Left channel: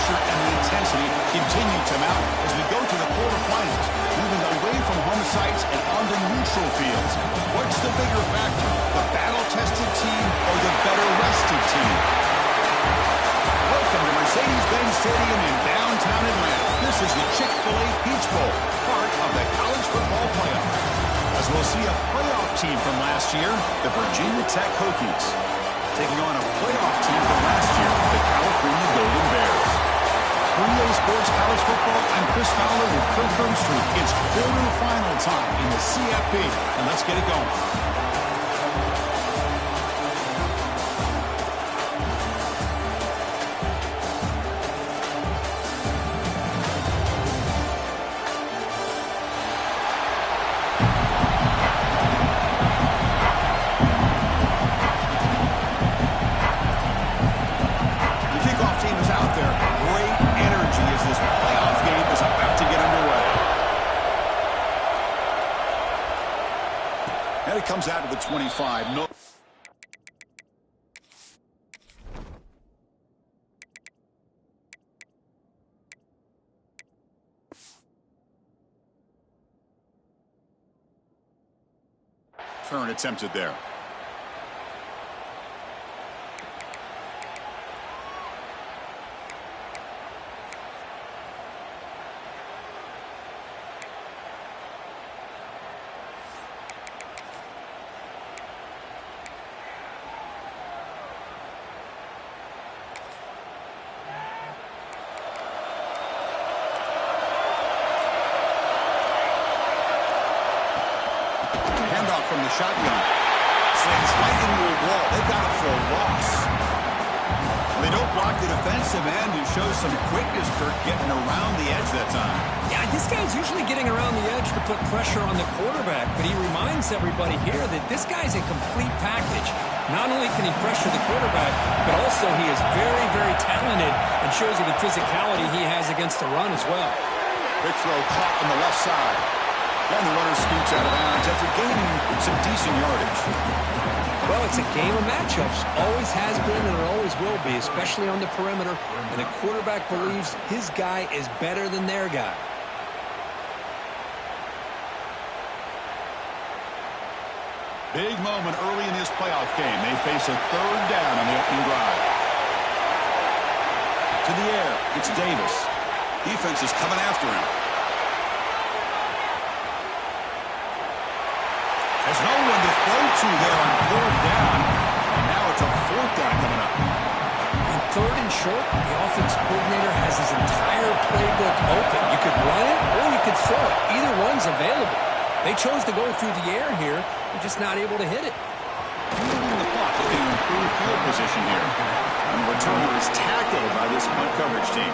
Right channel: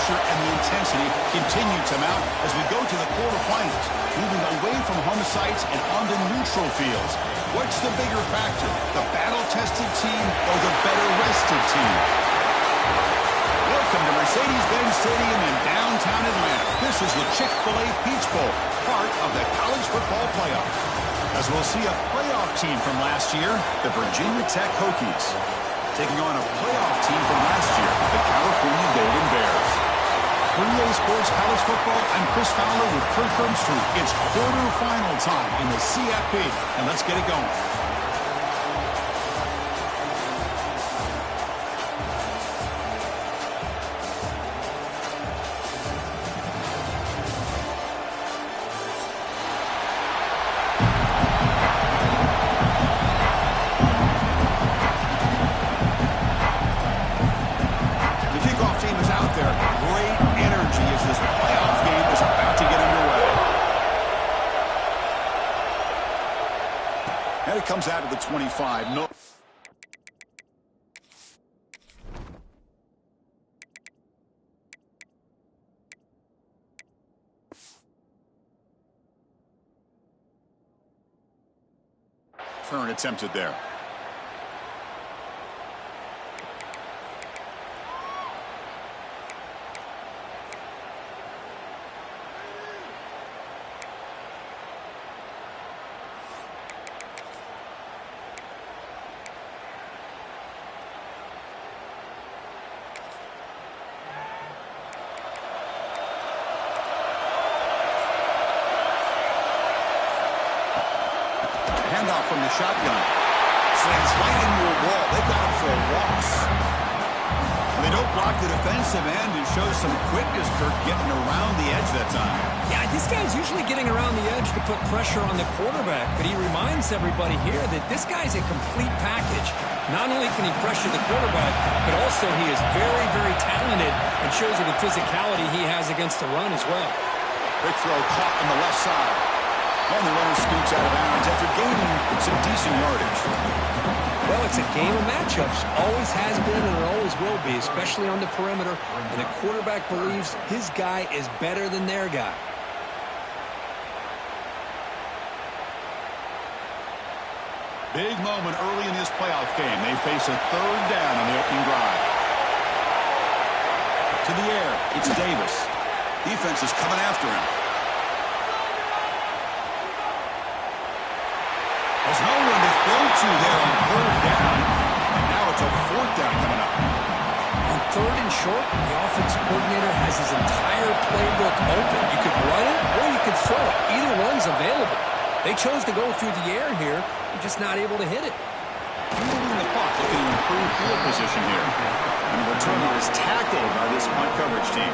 pressure and the intensity continue to mount as we go to the quarterfinals, moving away from home sites and onto neutral fields. What's the bigger factor, the battle-tested team or the better-rested team? Welcome to Mercedes-Benz Stadium in downtown Atlanta. This is the Chick-fil-A Peach Bowl, part of the college football playoff. As we'll see a playoff team from last year, the Virginia Tech Hokies, taking on a playoff team from last year, the California Golden Bears. For EA Sports College Football, I'm Chris Fowler with Kirk Herbstreit. It's quarterfinal time in the CFP, and let's get it going. And it comes out of the 25. No. Turn attempted there. Handoff from the shotgun. Slams right into a wall. They've got him for a loss. They don't block the defensive end and shows some quickness, Kirk, getting around the edge that time. Yeah, this guy's usually getting around the edge to put pressure on the quarterback, but he reminds everybody here that this guy's a complete package. Not only can he pressure the quarterback, but also he is very, very talented and shows you the physicality he has against the run as well. Big throw caught on the left side. And the runner scoots out of bounds after gaining some decent yardage. Well, it's a game of matchups. Always has been and it always will be, especially on the perimeter. And the quarterback believes his guy is better than their guy. Big moment early in this playoff game. They face a third down on the opening drive. To the air, it's Davis. Defense is coming after him. There's no one to throw to there on third down, and now it's a fourth down coming up. On third and short, the offense coordinator has his entire playbook open. You could run it or you could throw it. Either one's available. They chose to go through the air here. They're just not able to hit it. Moving the clock, looking to improve field position here. And the returner is tackled by this punt coverage team.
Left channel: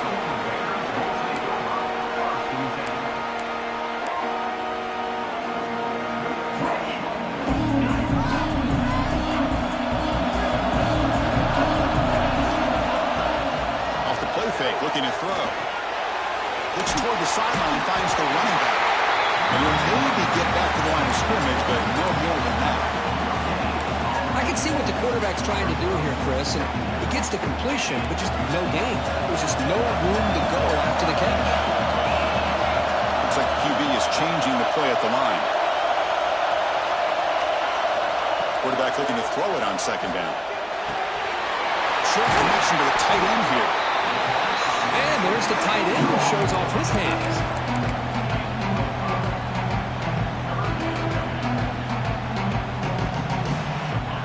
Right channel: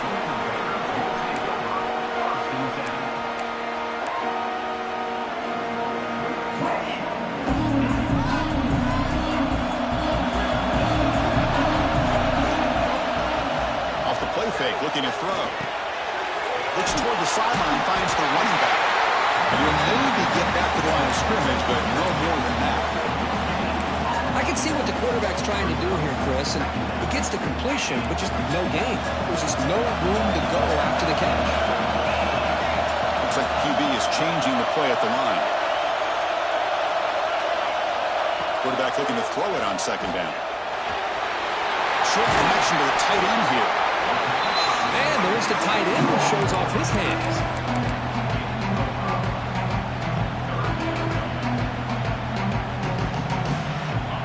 Fake, looking to throw. Looks toward the sideline, finds the running back. And he'll maybe get back to the line of scrimmage, but no more than that. I can see what the quarterback's trying to do here, Chris, and he gets the completion, but just no gain. There's just no room to go after the catch. Looks like the QB is changing the play at the line. Quarterback looking to throw it on second down. Short connection to the tight end here. And there's the tight end who shows off his hands.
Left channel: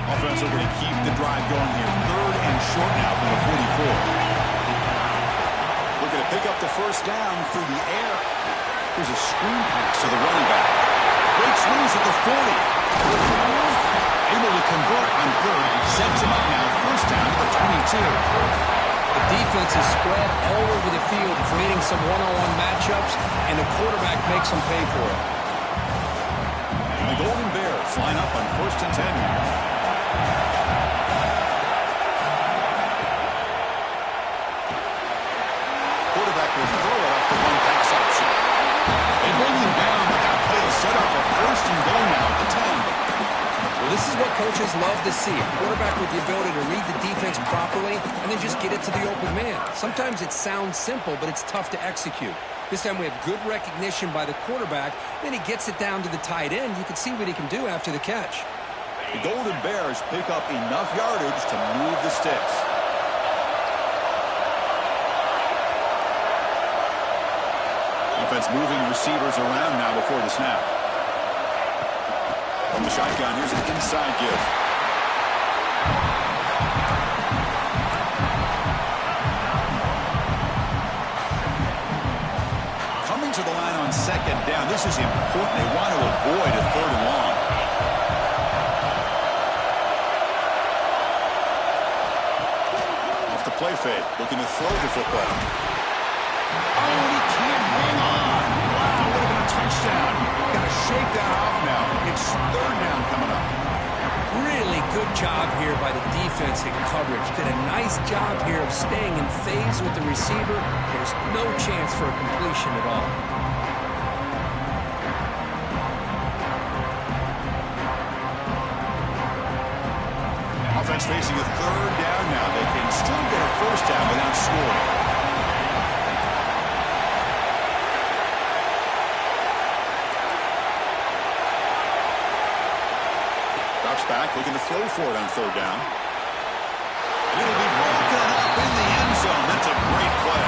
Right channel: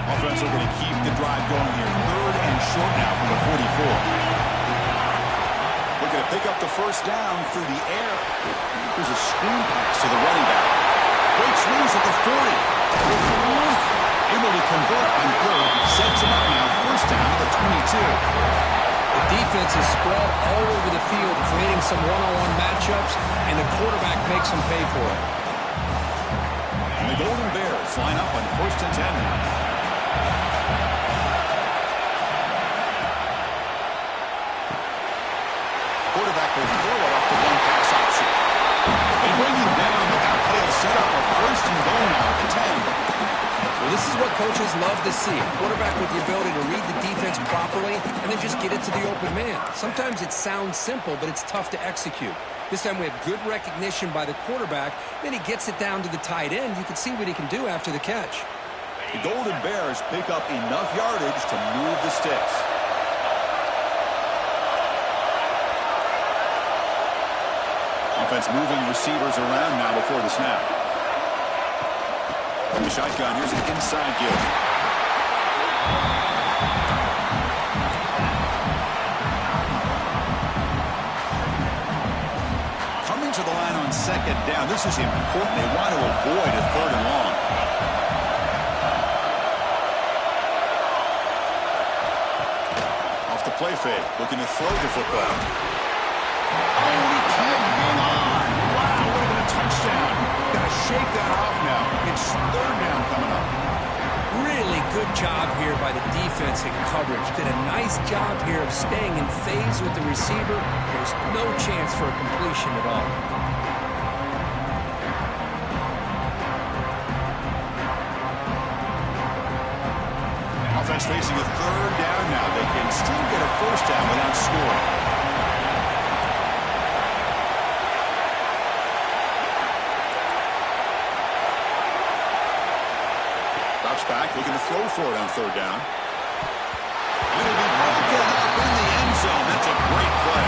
Offense are going to keep the drive going here. Third and short now from the 44. Looking to pick up the first down through the air. Here's a screen pass to the running back. Breaks loose at the 40. Able to convert on third. Sets him up now. First down to the 22. The defense is spread all over the field, creating some one-on-one matchups, and the quarterback makes them pay for it. And the Golden Bears line up on 1st and 10 now. Quarterback will throw it off the one-pass option. They bring him down, but that play is set up for 1st and goal now at the 10. This is what coaches love to see. A quarterback with the ability to read the defense properly and then just get it to the open man. Sometimes it sounds simple, but it's tough to execute. This time we have good recognition by the quarterback. Then he gets it down to the tight end. You can see what he can do after the catch. The Golden Bears pick up enough yardage to move the sticks. Offense moving receivers around now before the snap. From the shotgun, here's an inside give. Coming to the line on second down. This is important. They want to avoid a third and long. Off the play fake, looking to throw the football. Oh, he can't hang on. Wow, would have been a touchdown. Got to shake that off now. It's third down coming up. Really good job here by the defense in coverage. Did a nice job here of staying in phase with the receiver. There's no chance for a completion at all. Offense facing a third down now. They can still get a first down without scoring. Drops back, looking to throw for it on third down. It'll be broken up in the end zone. That's a great play.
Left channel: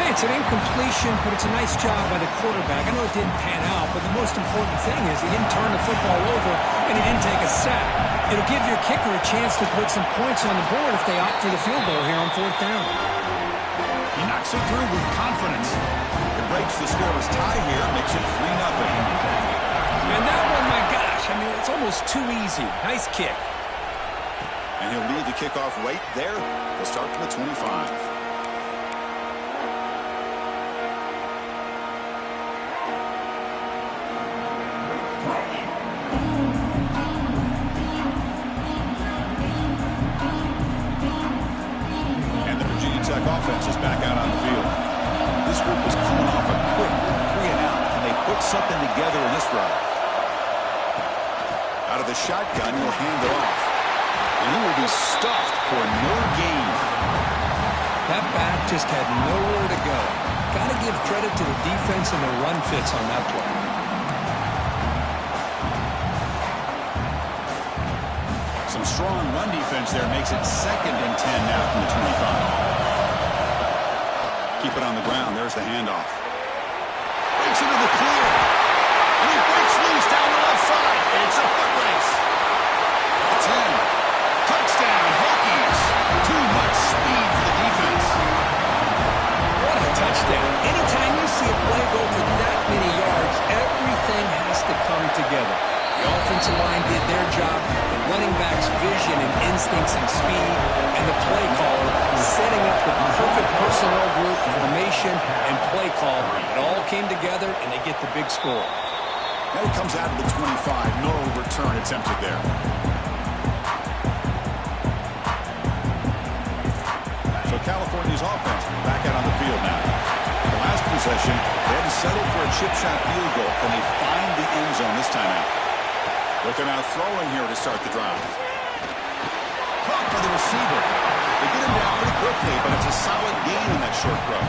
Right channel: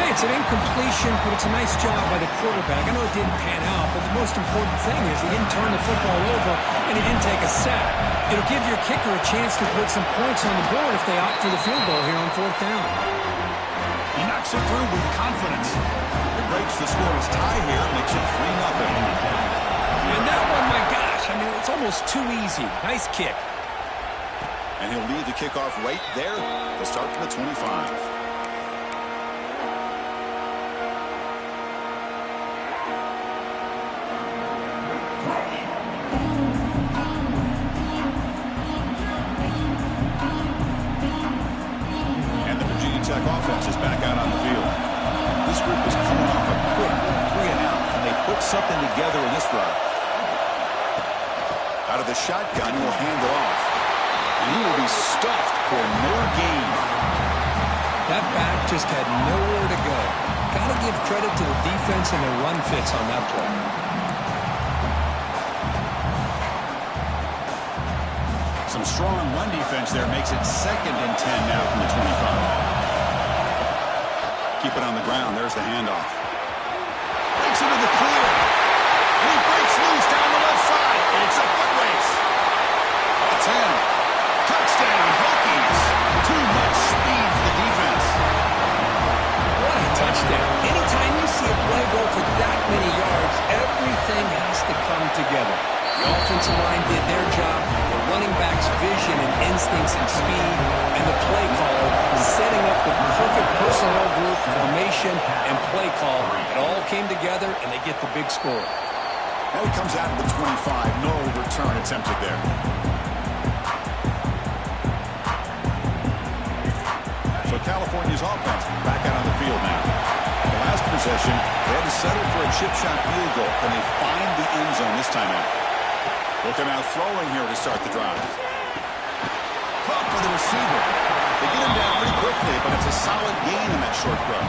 Hey, it's an incompletion, but it's a nice job by the quarterback. I know it didn't pan out, but the most important thing is he didn't turn the football over and he didn't take a sack. It'll give your kicker a chance to put some points on the board if they opt for the field goal here on fourth down. He knocks it through with confidence. It breaks the scoreless tie here, makes it 3-0. And that one, my gosh, I mean, it's almost too easy. Nice kick. And he'll lead the kickoff right there. They'll start from the 25. And the Virginia Tech offense is back out on the field. This group is coming off a quick 3-and-out, and they put something together in this drive. Out of the shotgun, he'll hand it off. And he will be stuffed for no gain. That back just had nowhere to go. Got to give credit to the defense and their run fits on that play. Some strong run defense there makes it 2nd and 10 now from the 25. Keep it on the ground. There's the handoff. Breaks into the clear. And he breaks loose down the left side. It's a foot race. The 10. Touchdown, Hokies. Too much speed for the defense. What a touchdown. Anytime you see a play go for that many yards, everything has to come together. The offensive line did their job, the running back's vision and instincts and speed, and the play caller setting up the perfect personnel group, formation, and play call. It all came together, and they get the big score. Now he comes out of the 25. No return attempted there. So California's offense back out on the field now. The last possession, they had to settle for a chip shot field goal. Can they find the end zone this time out? Looking out throwing here to start the drive. Caught by the receiver. They get him down pretty quickly, but it's a solid gain in that short throw.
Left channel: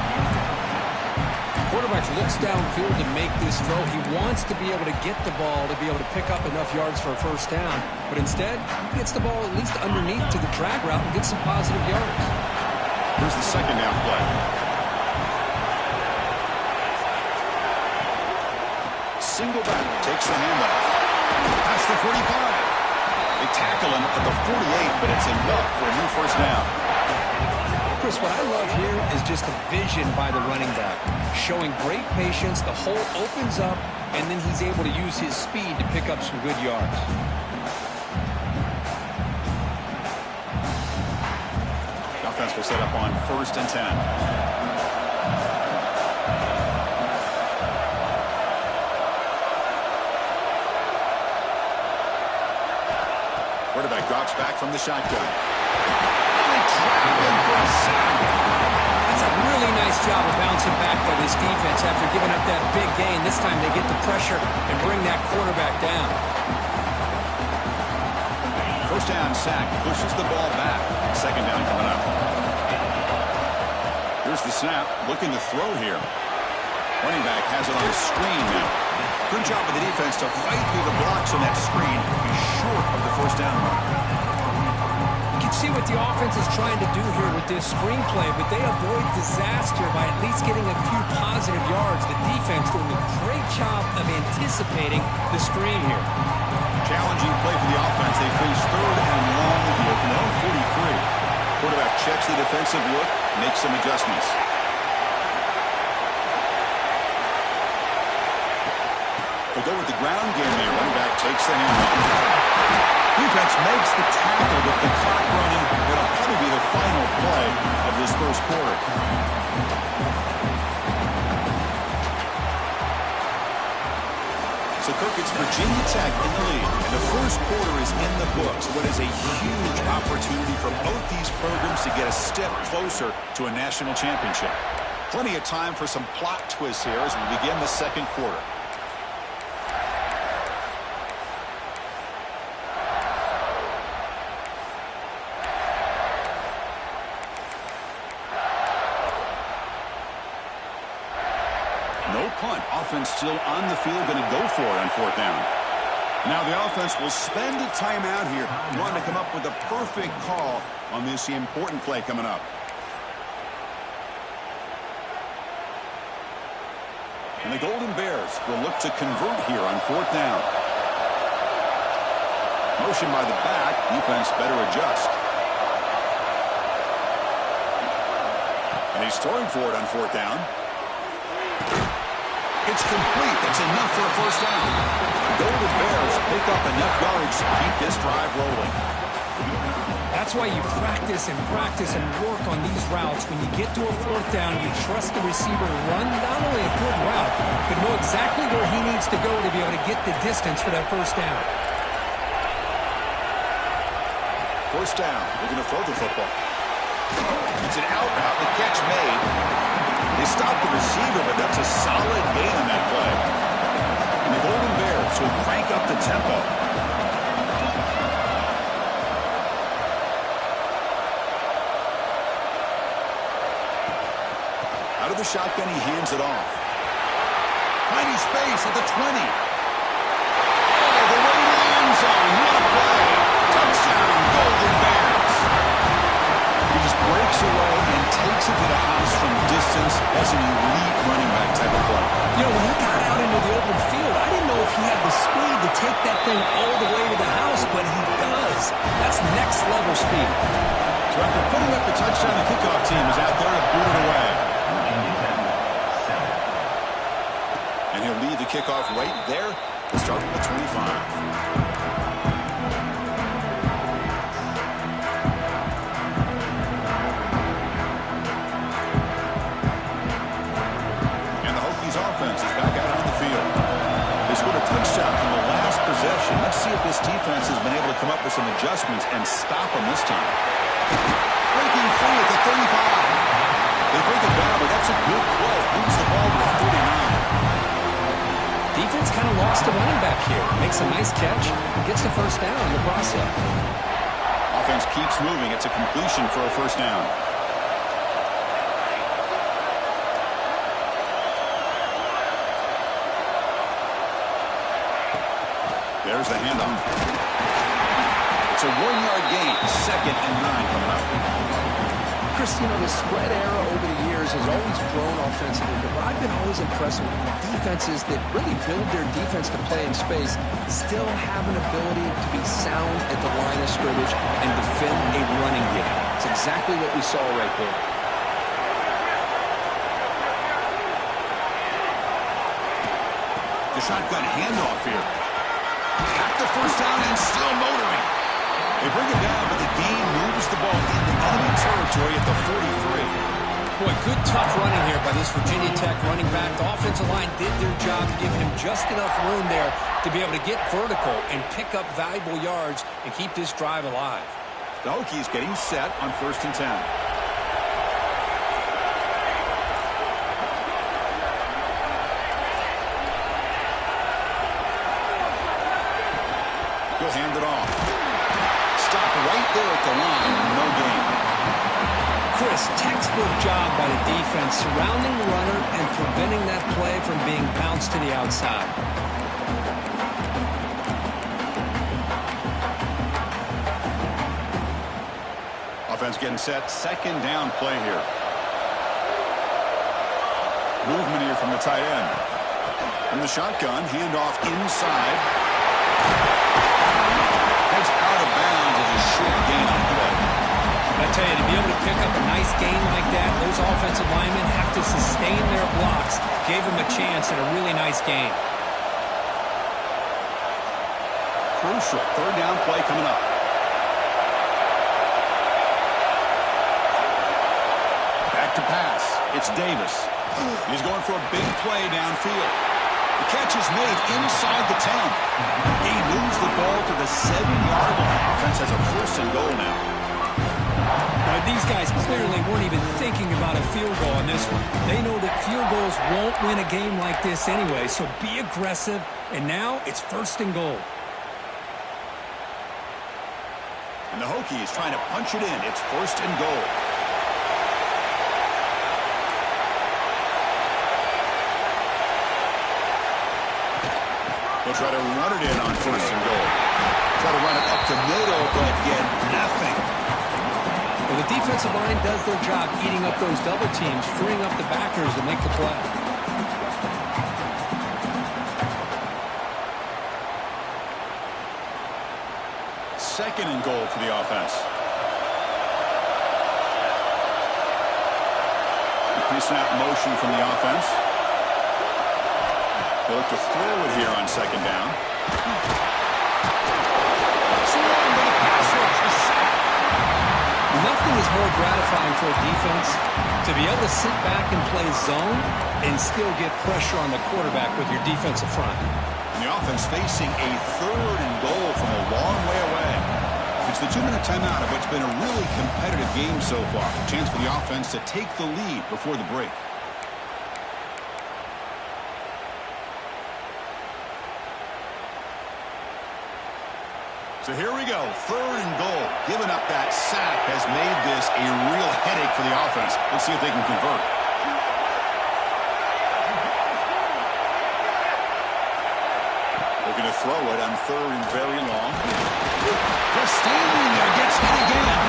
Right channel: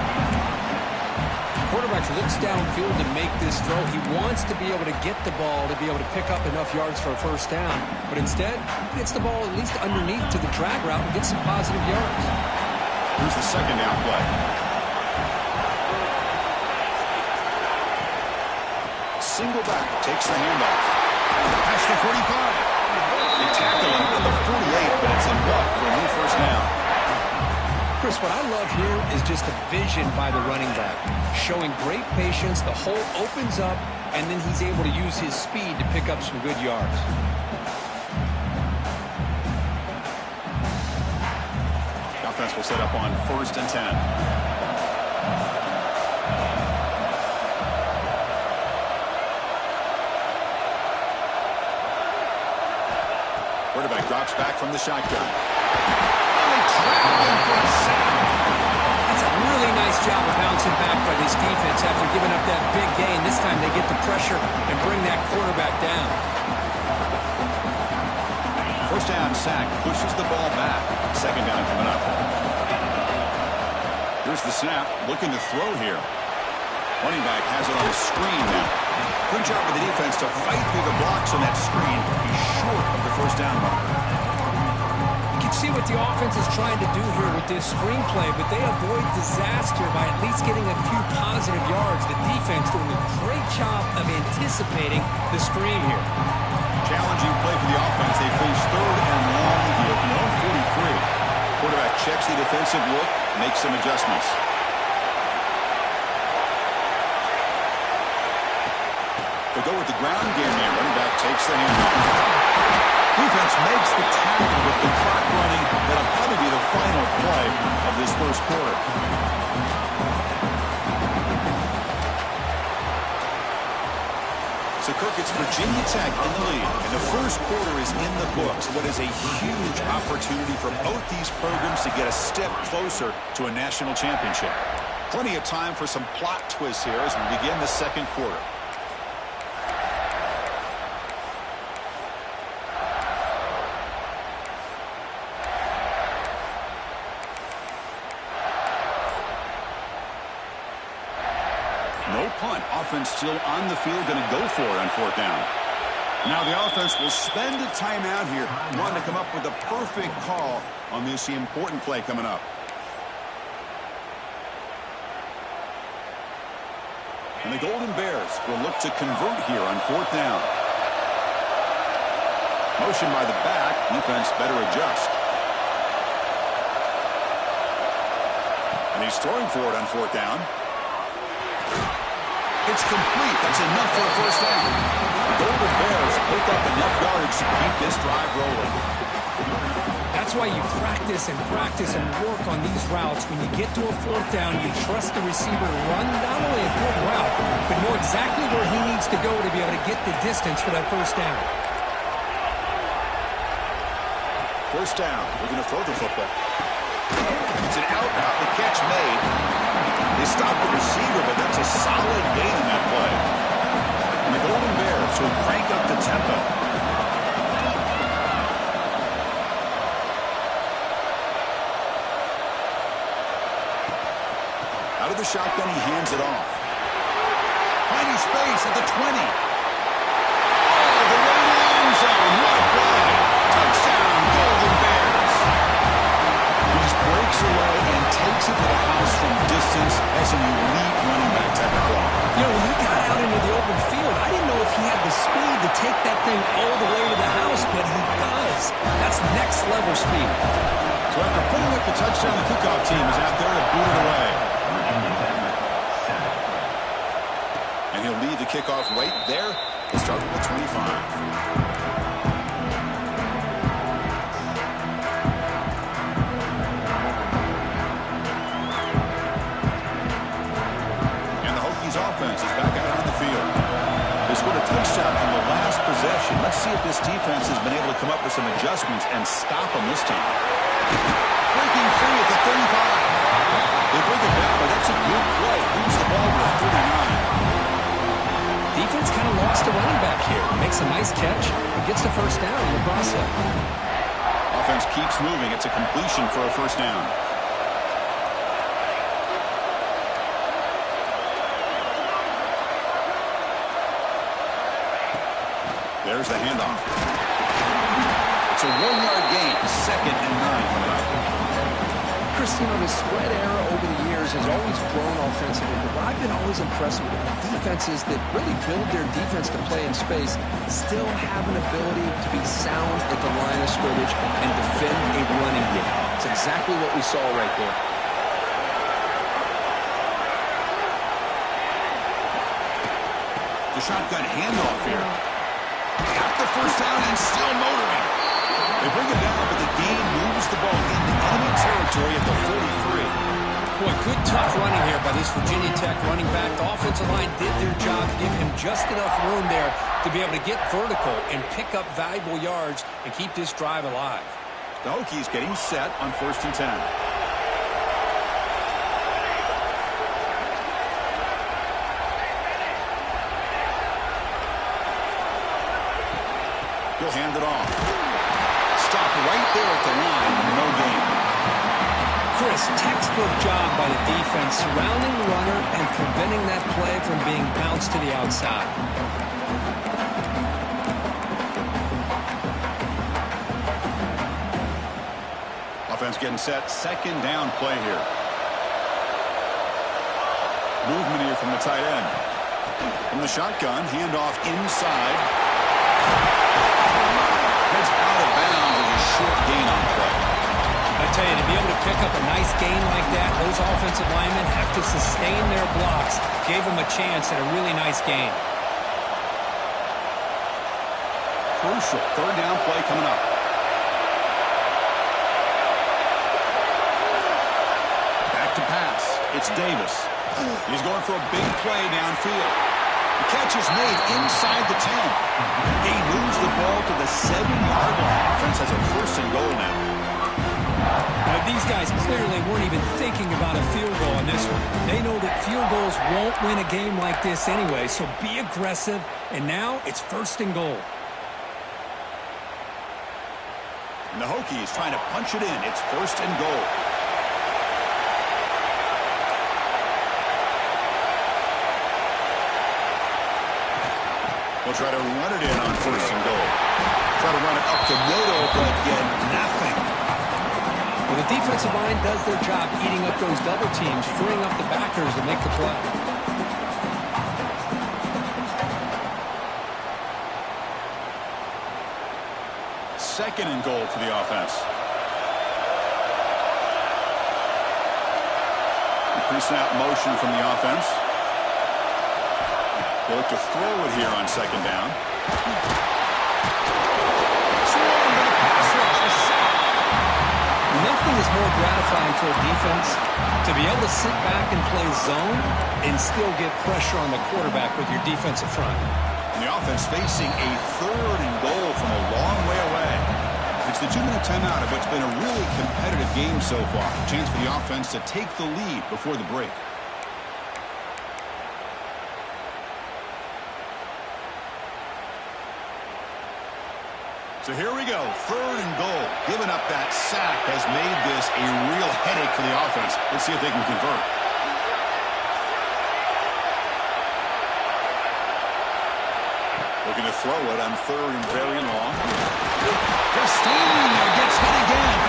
Quarterback looks downfield to make this throw. He wants to be able to get the ball to be able to pick up enough yards for a first down. But instead, he gets the ball at least underneath to the drag route and gets some positive yards. Here's the second down play. Single back takes the handoff. Past the 45. They tackle him at the 48, but it's enough for a new first down. Chris, what I love here is just the vision by the running back. Showing great patience, the hole opens up, and then he's able to use his speed to pick up some good yards. The offense will set up on 1st and 10. Quarterback drops back from the shotgun. Traveling for a sack. That's a really nice job of bouncing back by this defense after giving up that big gain. This time they get the pressure and bring that quarterback down. First down sack pushes the ball back. Second down coming up. Here's the snap. Looking to throw here. Running back has it on the screen now. Good job of the defense to fight through the blocks on that screen. He's short of the first down mark. You can see what the offense is trying to do here with this screenplay, but they avoid disaster by at least getting a few positive yards. The defense doing a great job of anticipating the screen here. Challenging play for the offense. They face third and long here from their own 43. Quarterback checks the defensive look, makes some adjustments. They go with the ground game here. Running back takes the handoff. Defense makes the tackle with the clock running. That'll probably be the final play of this first quarter. So, Kirk, it's Virginia Tech in the lead, and the first quarter is in the books. What is a huge opportunity for both these programs to get a step closer to a national championship. Plenty of time for some plot twists here as we begin the second quarter. No punt. Offense still on the field, going to go for it on fourth down. Now the offense will spend a timeout here, wanting to come up with a perfect call on this important play coming up. And the Golden Bears will look to convert here on fourth down. Motion by the back. Defense better adjust. And he's throwing for it on fourth down. It's complete. That's enough for a first down. The Golden Bears pick up enough yards to keep this drive rolling. That's why you practice and work on these routes. When you get to a fourth down, you trust the receiver to run not only a good route, but know exactly where he needs to go to be able to get the distance for that first down. First down. We're going to throw the football. It's an out route. The catch made. They stopped the receiver, but that's a solid gain on that play. And the Golden Bears will crank up the tempo. Out of the shotgun, he hands it off. Finding space at the 20. Oh, the way to the end zone. What a play. Touchdown, Golden Bears. He just breaks away and takes it to the house from distance. That's an elite running back type of play. You know, when he got out into the open field, I didn't know if he had the speed to take that thing all the way to the house, but he does. That's next level speed. So after putting up the touchdown, the kickoff team is out there to boot it away. And he'll lead the kickoff right there. We'll start with 25. Offense is back out on the field. They scored a touchdown on the last possession. Let's see if this defense has been able to come up with some adjustments and stop them this time. Breaking free at the 35. They bring it down, but that's a good play. Moves the ball to the 39. Defense kind of lost the running back here. Makes a nice catch and gets the first down in the process. Offense keeps moving. It's a completion for a first down. There's the handoff. It's a 1-yard gain. 2nd and 9 coming up. Chris, you know, the spread era over the years has always grown offensively, but what I've been always impressed with defenses that really build their defense to play in space still have an ability to be sound at the line of scrimmage and defend a running game. It's exactly what we saw right there. The shotgun handoff here. Got the first down and still motoring. They bring it down, but the Dean moves the ball into enemy territory at the 43. Boy, good tough running here by this Virginia Tech running back. The offensive line did their job to give him just enough room there to be able to get vertical and pick up valuable yards and keep this drive alive. The Hokies getting set on 1st and 10. He'll hand it off. stopped right there at the line. No gain. Chris, textbook job by the defense surrounding the runner and preventing that play from being bounced to the outside. Offense getting set. Second down play here. Movement here from the tight end. From the shotgun, handoff inside. Heads out of bounds as a short gain on play. I tell you, to be able to pick up a nice gain like that, those offensive linemen have to sustain their blocks. Gave them a chance at a really nice gain. Crucial third down play coming up. Back to pass. It's Davis. He's going for a big play downfield. The catch is made inside the 10. He moves the ball to the 7-yard line. Offense has a first and goal now. Now, these guys clearly weren't even thinking about a field goal on this one. They know that field goals won't win a game like this anyway, so be aggressive. And now it's first and goal. And the Hokies trying to punch it in. It's first and goal. They'll try to run it in on first and goal. Try to run it up the middle, but get nothing. Well, the defensive line does their job eating up those double teams, freeing up the backers to make the play. Second and goal for the offense. Pre-snap motion from the offense. They look to throw it here on second down. Swarm to the pass rush. A sack. Nothing is more gratifying for a defense to be able to sit back and play zone and still get pressure on the quarterback with your defensive front. And the offense facing a third and goal from a long way away. It's the 2-minute timeout of what's been a really competitive game so far. A chance for the offense to take the lead before the break. So here we go, third and goal. Giving up that sack has made this a real headache for the offense. Let's see if they can convert. Looking to throw it on third and very long. Just standing there, gets hit again.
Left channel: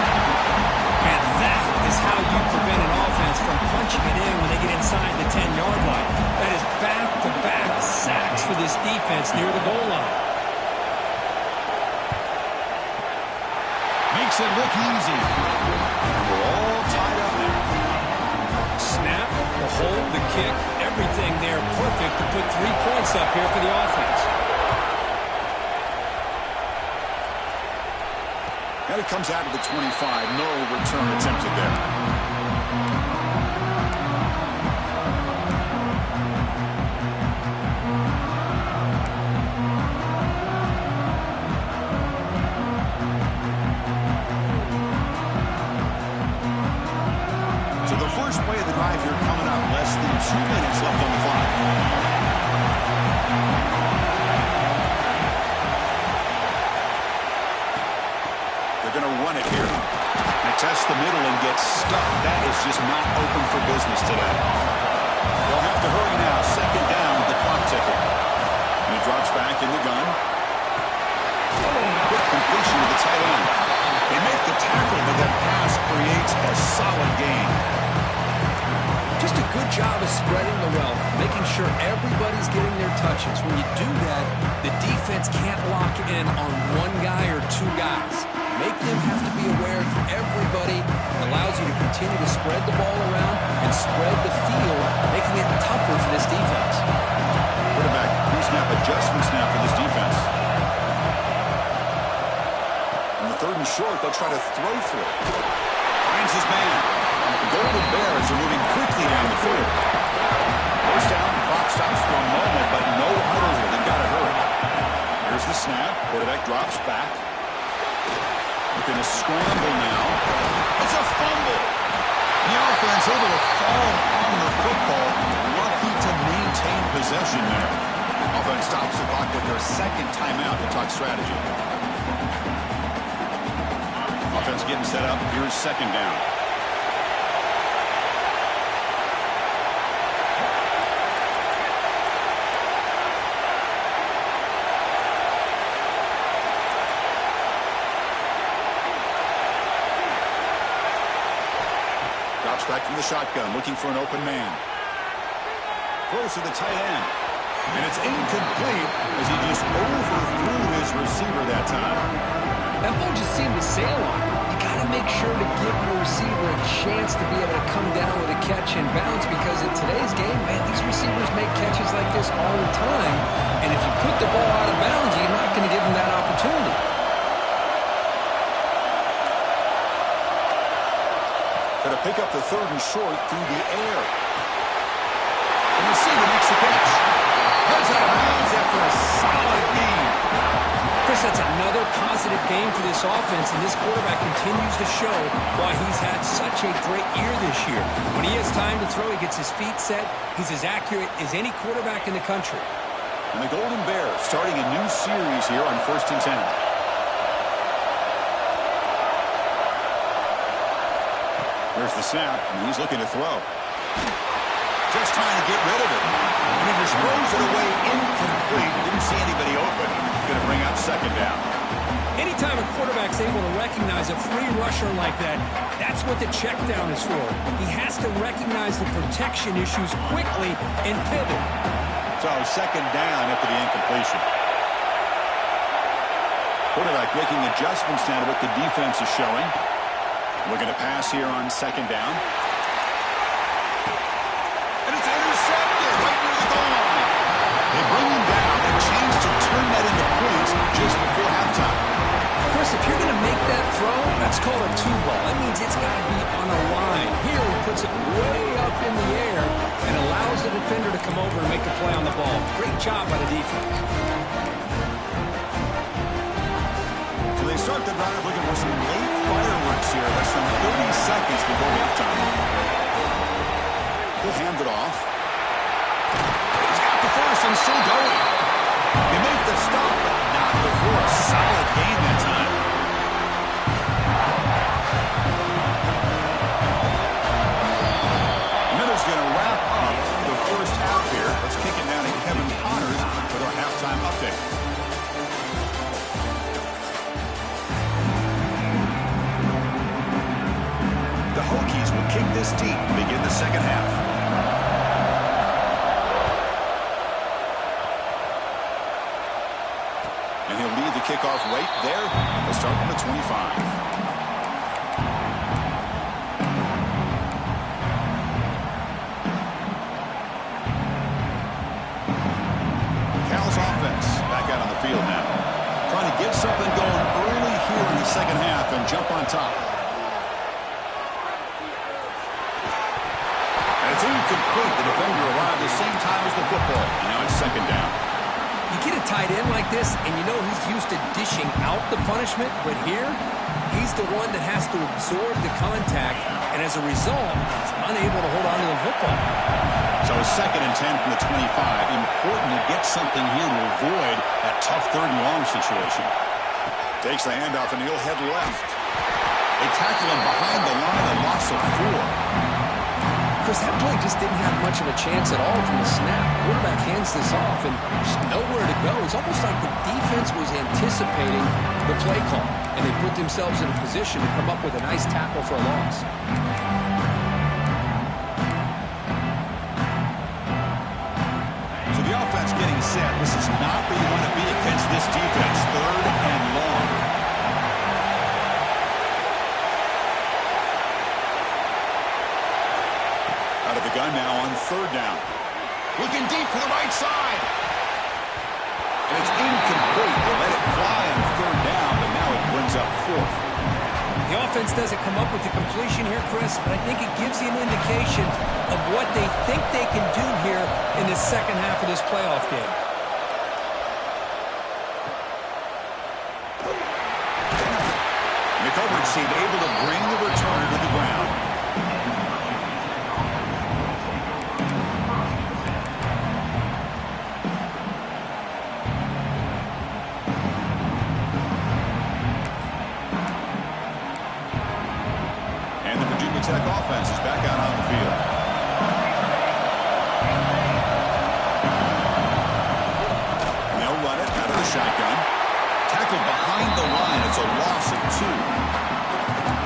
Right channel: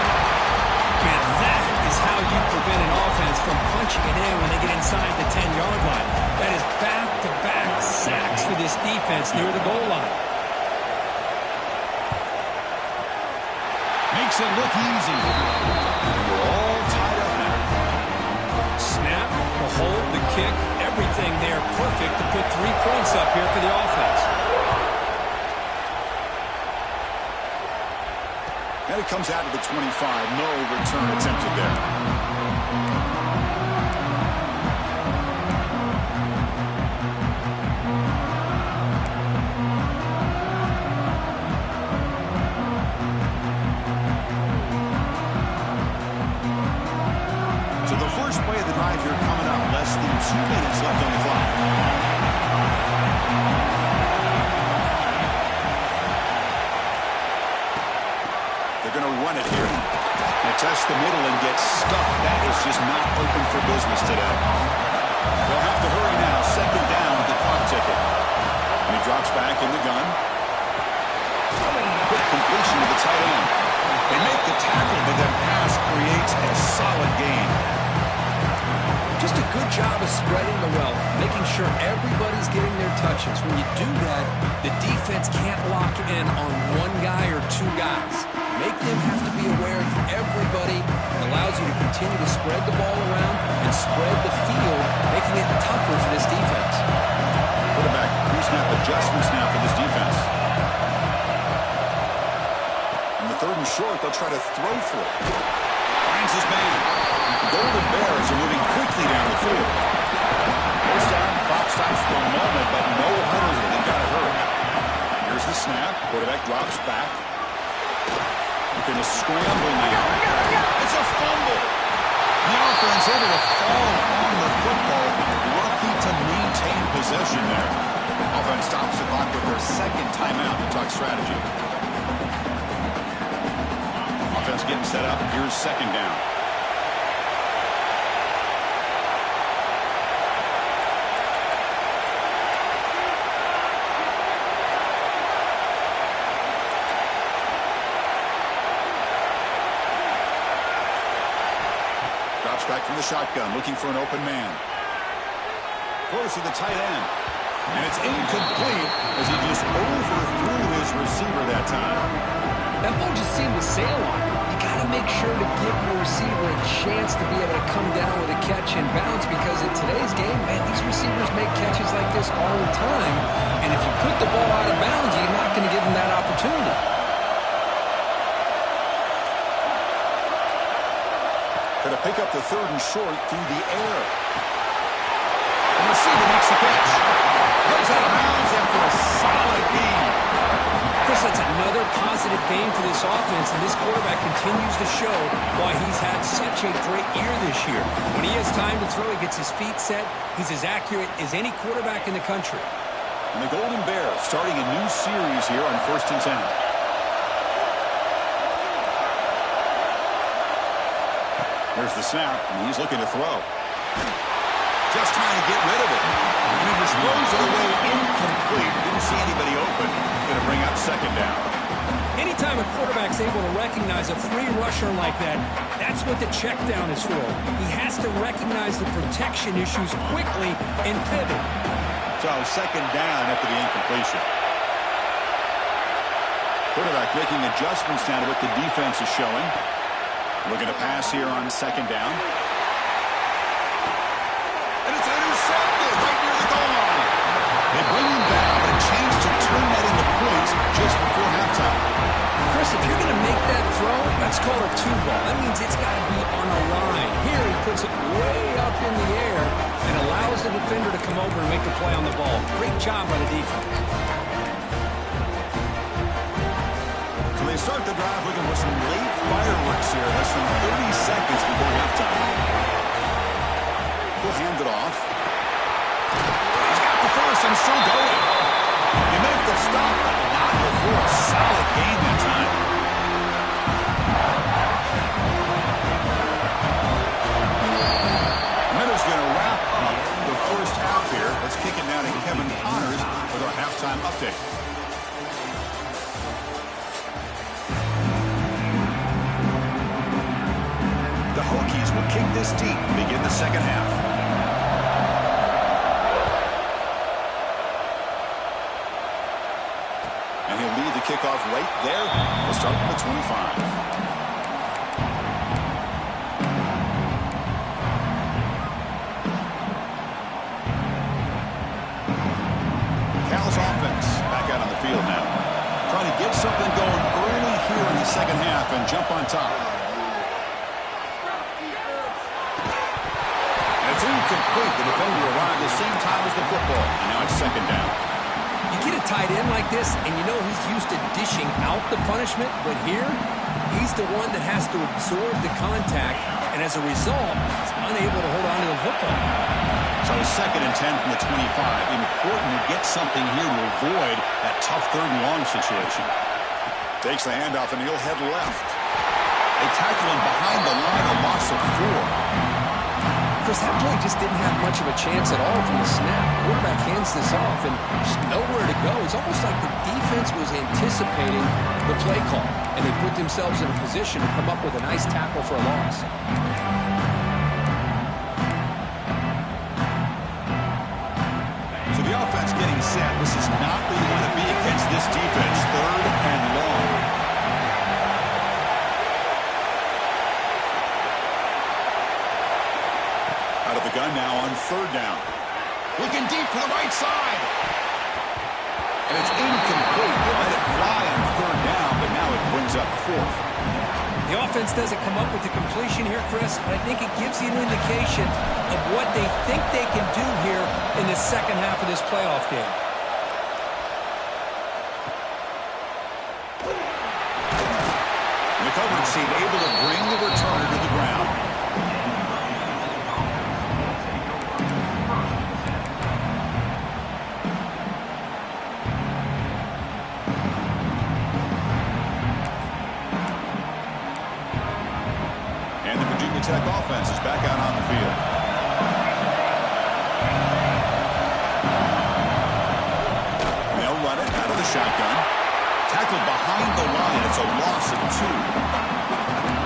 Man, that is how you prevent an offense from punching it in when they get inside the 10-yard line. That is back-to-back sacks for this defense near the goal line. Makes it look easy. And we're all tied up now. Snap, the hold, the kick, everything there perfect to put 3 points up here for the offense. And it comes out of the 25. No return attempted there. Play of the drive here coming up. Less than 2 minutes left on the clock. They're going to run it here. They test the middle and get stuck. That is just not open for business today. They'll have to hurry now. Second down with the clock ticking. And he drops back in the gun. Quick completion to the tight end. They make the tackle, but that pass creates a solid gain. Just a good job of spreading the wealth, making sure everybody's getting their touches. When you do that, the defense can't lock in on one guy or two guys. Make them have to be aware of everybody. It allows you to continue to spread the ball around and spread the field, making it tougher for this defense. Quarterback pre-snap adjustments now for this defense. On the third and short, they'll try to throw for it. Finds his man. The Golden Bears are moving quickly down the field. First down, clock stops for a moment, but no huddle here. They've got to hurry. Here's the snap. Quarterback drops back. Looking to scramble now. It's a fumble. The offense able to fall on the football. Lucky to maintain possession there. Offense stops the clock with their second timeout to talk strategy. Offense getting set up. Here's second down. Drops back from the shotgun, looking for an open man. Throws to the tight end. And it's incomplete as he just overthrew his receiver that time. That ball just seemed to sail on him. You got to make sure to give your receiver a chance to be able to come down with a catch and bounce, because in today's game, man, these receivers make catches like this all the time. And if you put the ball out of bounds, you're not going to give them that opportunity. Going to pick up the third and short through the air. The receiver makes the catch. Goes out of bounds after a solid game. Chris, that's another positive game for this offense, and this quarterback continues to show why he's had such a great year this year. When he has time to throw, he gets his feet set. He's as accurate as any quarterback in the country. And the Golden Bears starting a new series here on 1st and 10. There's the snap, and he's looking to throw. Just trying to get rid of it. And he just throws it away incomplete. Didn't see anybody open. Going to bring up second down. Anytime a quarterback's able to recognize a free rusher like that, that's what the check down is for. He has to recognize the protection issues quickly and pivot. So second down after the incompletion. Quarterback making adjustments now to what the defense is showing. Looking to pass here on second down. And it's intercepted right near the goal line. They bring him down, but a chance to turn that into points just before halftime. Chris, if you're going to make that throw, that's called a two ball. That means it's got to be on a line. Here he puts it way up in the air and allows the defender to come over and make a play on the ball. Great job by the defense. So they start the drive looking for some late fireworks here. Less than 30 seconds before halftime. He'll hand it off. He's got the first and still going. He made the stop, but not before a solid game that time. And then it's going to wrap up the first half here. Let's kick it now to Kevin Connors with our halftime update. The Hokies will kick this deep to begin the second half. And he'll lead the kickoff right there. He'll start from the 25. Cal's offense back out on the field now. Trying to get something going early here in the second half and jump on top. And it's incomplete. The defender arrived the same time as the football. And now it's second down. You get a tight end like this, and you know he's used to dishing out the punishment, but here, he's the one that has to absorb the contact, and as a result, he's unable to hold on to the football. So second and 10 from the 25. Important to get something here to avoid that tough third and long situation. Takes the handoff, and he'll head left. They tackle him behind the line, a loss of 4. Chris, that play just didn't have much of a chance at all from the snap. Quarterback hands this off, and there's nowhere to go. It's almost like the defense was anticipating the play call, and they put themselves in a position to come up with a nice tackle for a loss. So the offense getting set. This is not where you want to be against this defense. Third and long. Out of the gun now on third down. Looking deep to the right side. And it's incomplete. They let it fly on third down, but now it brings up fourth. The offense doesn't come up with the completion here, Chris, but I think it gives you an indication of what they think they can do here in the second half of this playoff game. And the coverage team able to bring the returner to the ground. Tech offense is back out on the field. And they'll run it out of the shotgun. Tackled behind the line. It's a loss of 2.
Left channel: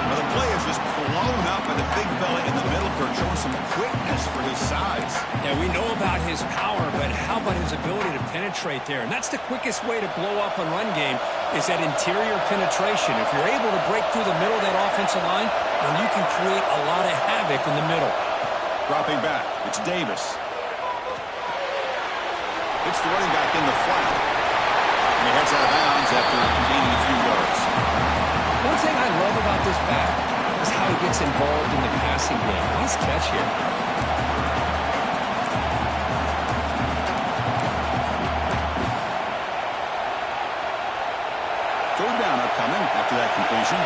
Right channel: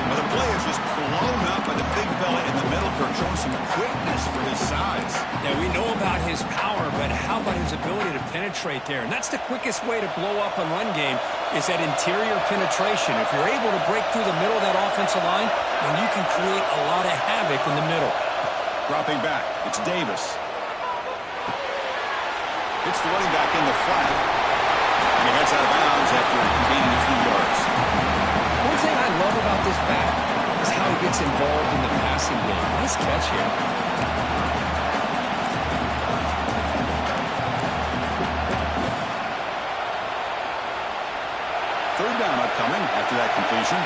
Well, the play is just blown up by the big fella in the middle, Kirk, showing some quickness for his size. Yeah, we know about his power, but how about his ability to penetrate there? And that's the quickest way to blow up a run game is that interior penetration. If you're able to break through the middle of that offensive line, then you can create a lot of havoc in the middle. Dropping back, it's Davis. It's the running back in the flat. And he heads out of bounds after gaining a few yards. One thing I love about this back is how he gets involved in the passing game. Nice catch here. Third down upcoming after that completion.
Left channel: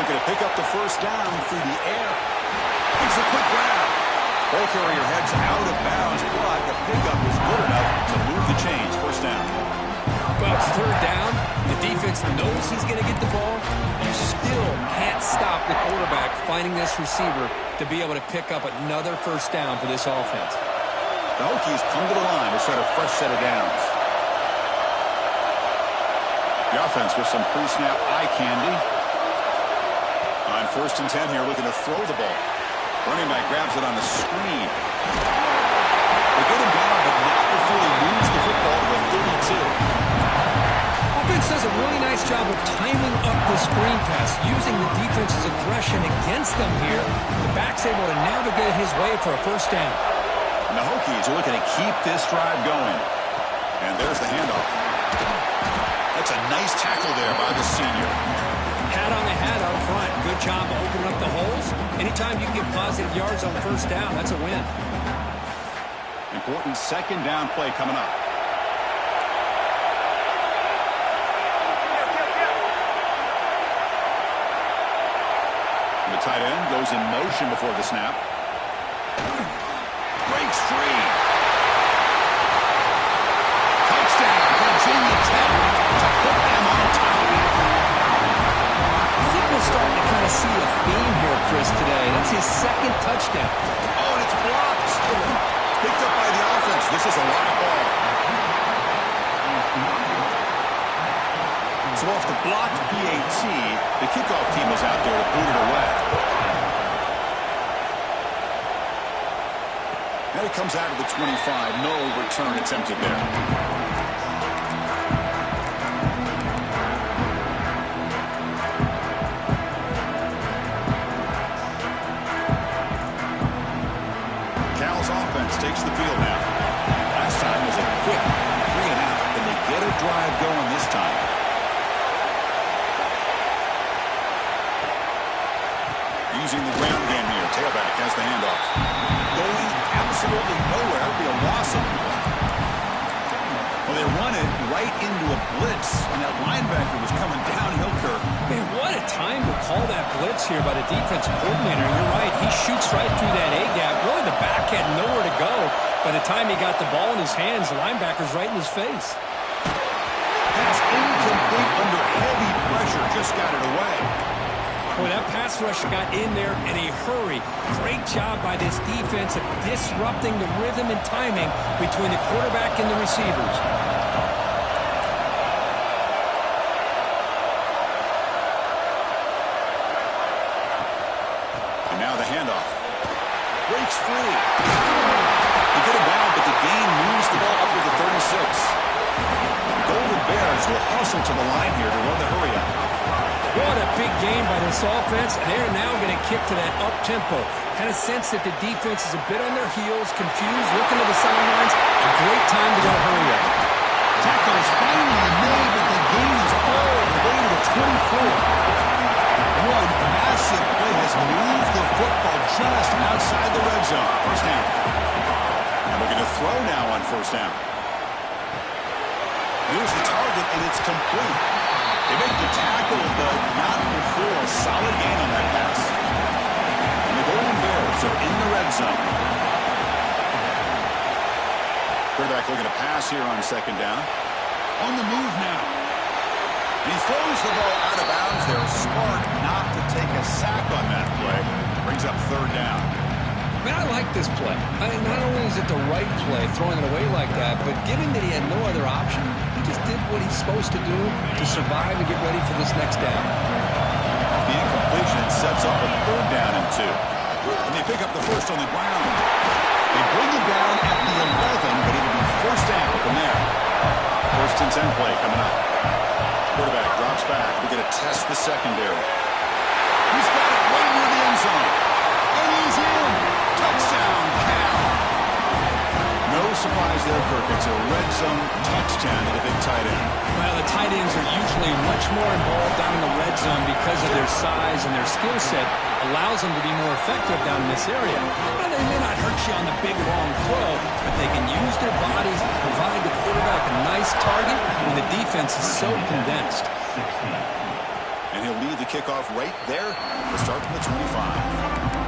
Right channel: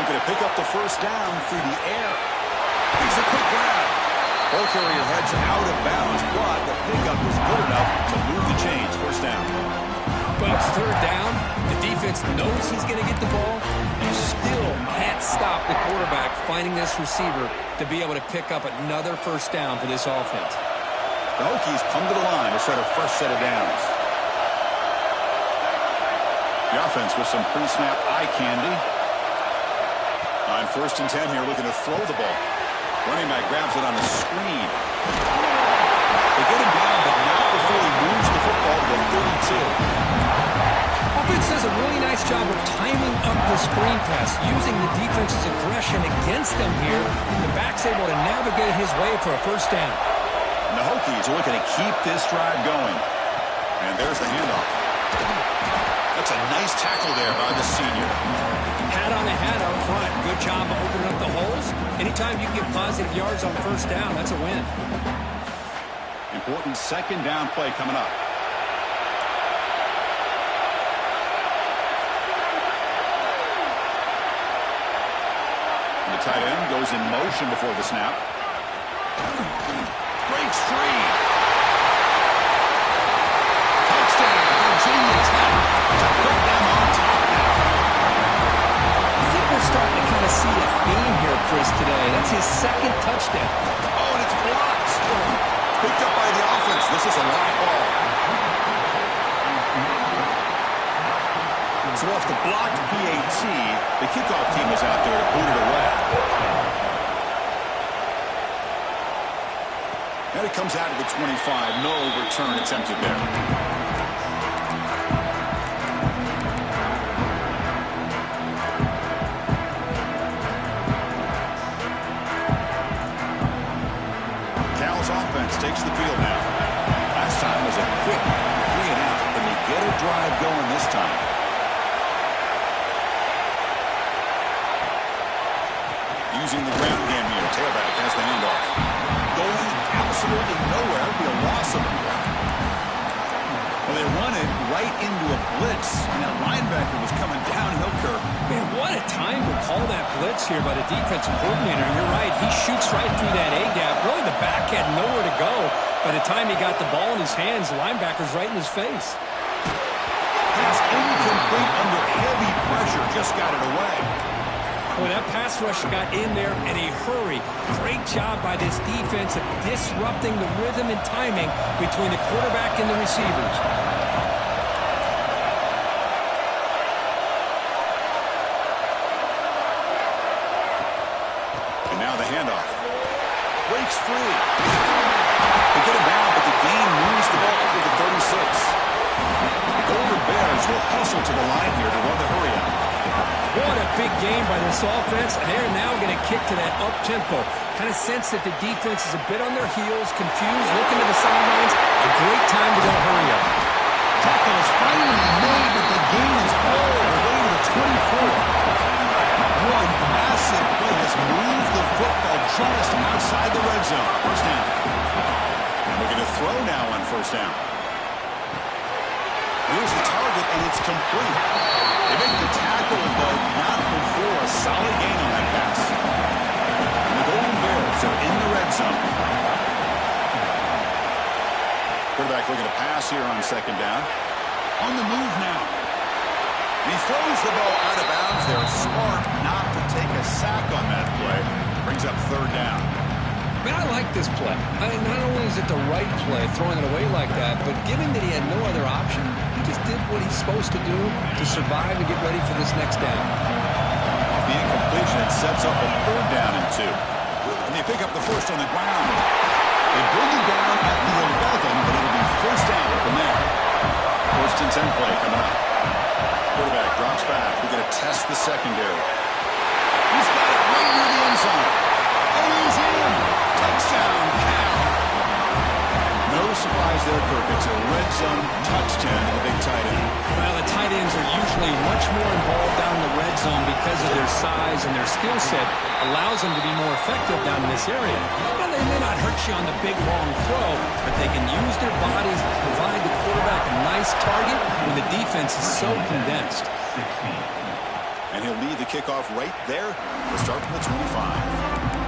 Looking to pick up the first down through the air. Makes a quick grab. Ball carrier heads out of bounds, but the pickup was good enough to move the chains. First down. Well, it's third down. The defense knows he's going to get the ball. You still can't stop the quarterback finding this receiver to be able to pick up another first down for this offense. The Hokies come to the line to start a fresh set of downs. The offense with some pre-snap eye candy. On first and 10 here, looking to throw the ball. Running back grabs it on the screen. They get him down, but not before he moves the football to the 32. Offense does a really nice job of timing up the screen pass, using the defense's aggression against them here. The back's able to navigate his way for a first down. And the Hokies are looking to keep this drive going. And there's the handoff. That's a nice tackle there by the senior. Hat on a hat up front. Good job of opening up the holes. Anytime you get positive yards on first down, that's a win. Important second down play coming up. The tight end goes in motion before the snap. Breaks free. Touchdown, Virginia Tech to put them on top now. I think we're starting to kind of see a theme here, Chris, today. That's his second touchdown. Oh, and it's blocked. Picked up by the offense. This is a live ball. So off the blocked PAT, the kickoff team is out there to boot it away. And it comes out of the 25. No return attempted there. Takes the field now. Last time was a quick 3 and out. Can they get a drive going this time? Using the ground game here. Tailback has the handoff. Going absolutely nowhere. It'll be a loss of the play. Well, they run it right into a blitz, and that linebacker was coming downhill, Kirk. Man, what a time to call that blitz here by the defensive coordinator. You're right. He shoots right through that A-gap. Really, the back had nowhere to go. By the time he got the ball in his hands, the linebacker's right in his face. Pass incomplete under heavy pressure. Just got it away. Boy, that pass rush got in there in a hurry. Great job by this defense of disrupting the rhythm and timing between the quarterback and the receivers. And now the handoff. Breaks free. They get him down, but the gain moves the ball up to the 36. The Golden Bears will hustle to the line here to run the hurry out. What a big game by this offense, and they're now going to kick to that up-tempo. Kind of sense that the defense is a bit on their heels, confused, looking to the sidelines. A great time to go hurry up. Tackle is finally made, but the gain is all the way to the 24. One massive play has moved the football just outside the red zone. First down. And looking to throw now on first down. Here's the target, and it's complete. They make the tackle, but not before a solid gain on that pass. And the Golden Bears are in the red zone. Quarterback looking to pass here on second down. On the move now. And he throws the ball out of bounds. They're smart not to take a sack on that play. Brings up third down. Man, I like this play. Not only is it the right play, throwing it away like that, but given that he had no other option, he just did what he's supposed to do to survive and get ready for this next down. Off the incompletion, it sets up a third down and 2. And they pick up the first on the ground. They bring him down at the 11, but it'll be first down from there. First and 10 play coming up. Quarterback drops back. We're going to test the secondary. He's got it right near the end zone. And he's in. Touchdown, Cal. No surprise there, Kirk. It's a red zone touchdown to the big tight end. Well, the tight ends are usually much more involved down in the red zone because of their size and their skill set allows them to be more effective down in this area. Now, they may not hurt you on the big, long throw, but they can use their bodies to provide the quarterback a nice target when the defense is so condensed. And he'll lead the kickoff right there. We'll start from the 25.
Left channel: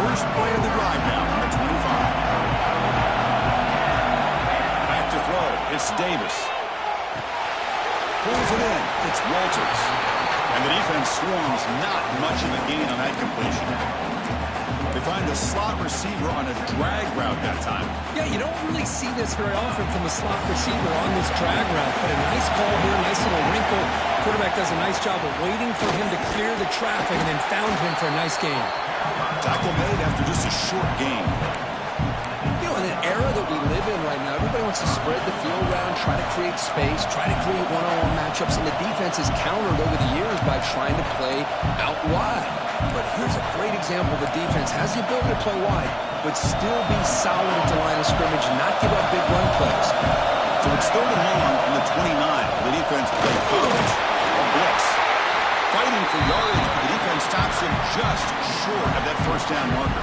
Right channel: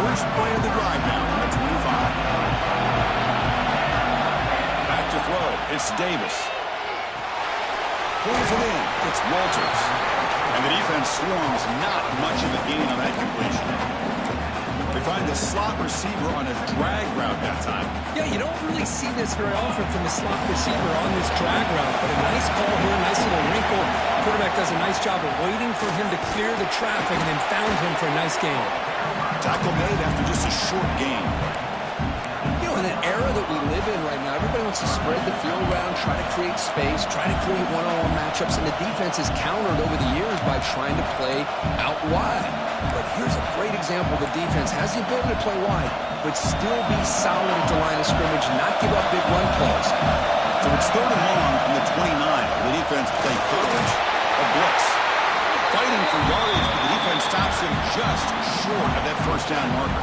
First play of the drive now from the 25. Back to throw. It's Davis. Pulls it in. It's Walters. And the defense swarms. Not much of a gain on that completion. They find the slot receiver on a drag route that time. Yeah, you don't really see this very often from a slot receiver on this drag route, but a nice call here, nice little wrinkle. Quarterback does a nice job of waiting for him to clear the traffic and then found him for a nice gain. Tackle made after just a short gain. You know, in an era that we live in right now, everybody wants to spread the field around, try to create space, try to create one-on-one matchups, and the defense is countered over the years by trying to play out wide. But here's a great example. The defense has the ability to play wide, but still be solid at the line of scrimmage and not give up big run plays. So it's third and long from the 29. The defense play coverage or blitz. Fighting for yardage, but the defense stops him just short of that first down marker.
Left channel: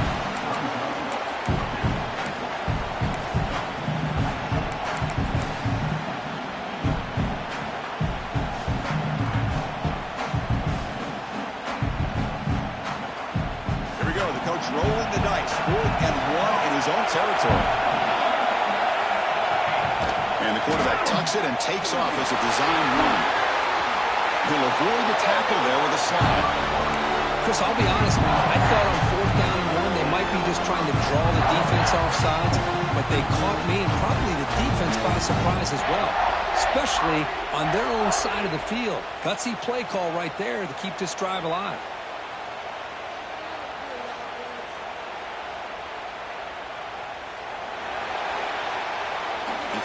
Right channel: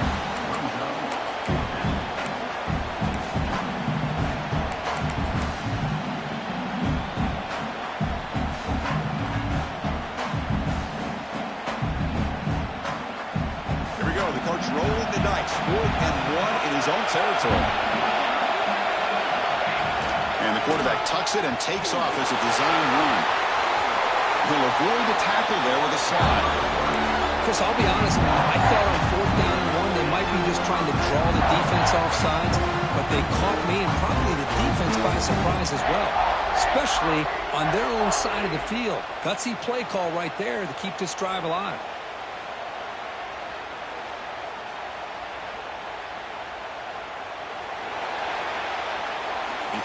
Here we go. The coach rolling the dice. 4th and 1 in his own territory. And the quarterback tucks it and takes off as a design run. He'll avoid the tackle there with a slide. Chris, I'll be honest, man. I thought on 4th down and 1, they might be just trying to draw the defense off sides, but they caught me and probably the defense by surprise as well, especially on their own side of the field. Gutsy play call right there to keep this drive alive.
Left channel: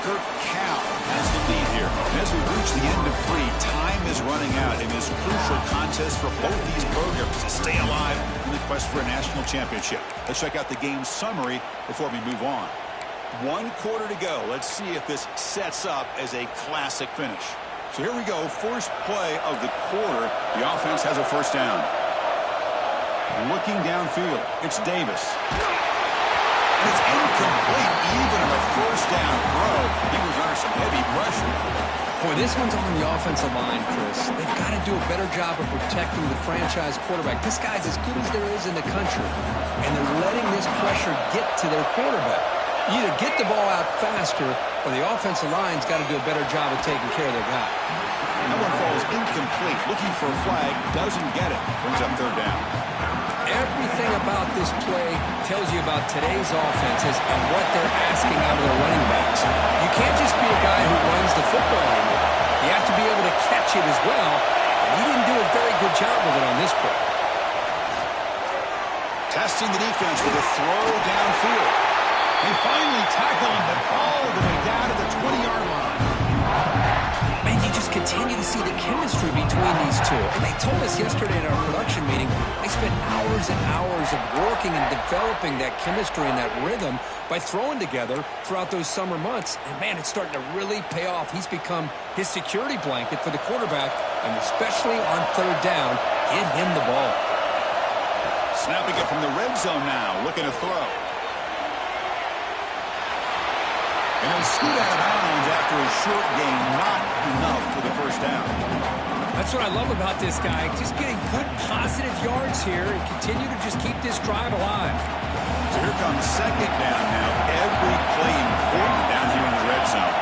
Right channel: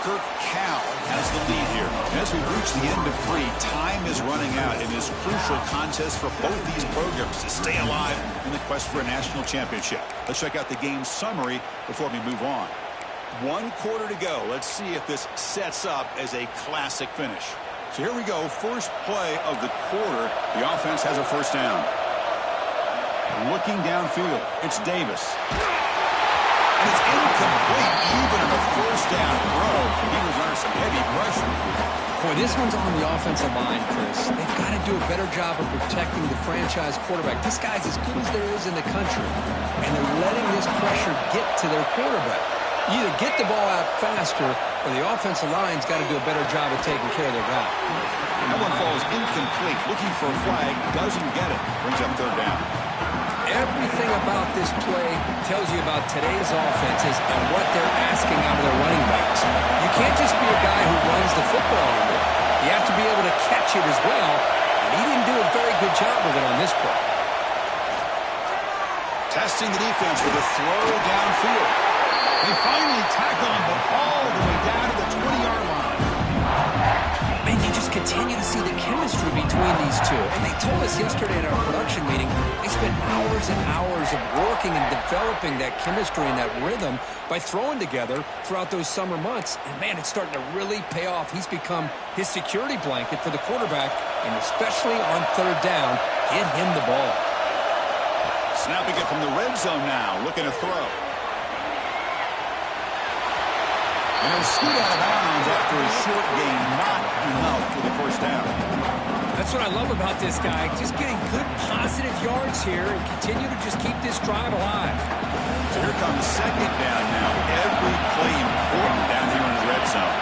Kirk, Cal has the lead here. And as we reach the end of 3, time is running out in this crucial contest for both these programs to stay alive in the quest for a national championship. Let's check out the game summary before we move on. 1 quarter to go. Let's see if this sets up as a classic finish. So here we go. First play of the quarter. The offense has a first down. Looking downfield, it's Davis. And it's incomplete, even on a first down throw. He was under some heavy pressure. Boy, this one's on the offensive line, Chris. They've got to do a better job of protecting the franchise quarterback. This guy's as good as there is in the country, and they're letting this pressure get to their quarterback. You either get the ball out faster, or the offensive line's got to do a better job of taking care of their guy. That one falls incomplete. Looking for a flag, doesn't get it. Brings up third down. Everything about this play tells you about today's offenses and what they're asking out of their running backs. You can't just be a guy who runs the football anymore. You have to be able to catch it as well, and he didn't do a very good job of it on this play. Testing the defense with a throw downfield. They finally tackle him, but all the way down to the 20-yard line. Man, you just continue to see the chemistry between these two. And they told us yesterday in our production meeting, they spent hours and hours of working and developing that chemistry and that rhythm by throwing together throughout those summer months. And, man, it's starting to really pay off. He's become his security blanket for the quarterback, and especially on third down, get him the ball. Snapping it from the red zone now, looking to throw. And he'll scoot out of bounds after a short gain, not enough for the first down. That's what I love about this guy. Just getting good positive yards here and continue to just keep this drive alive. So here comes second down now. Every play important down here in the red zone.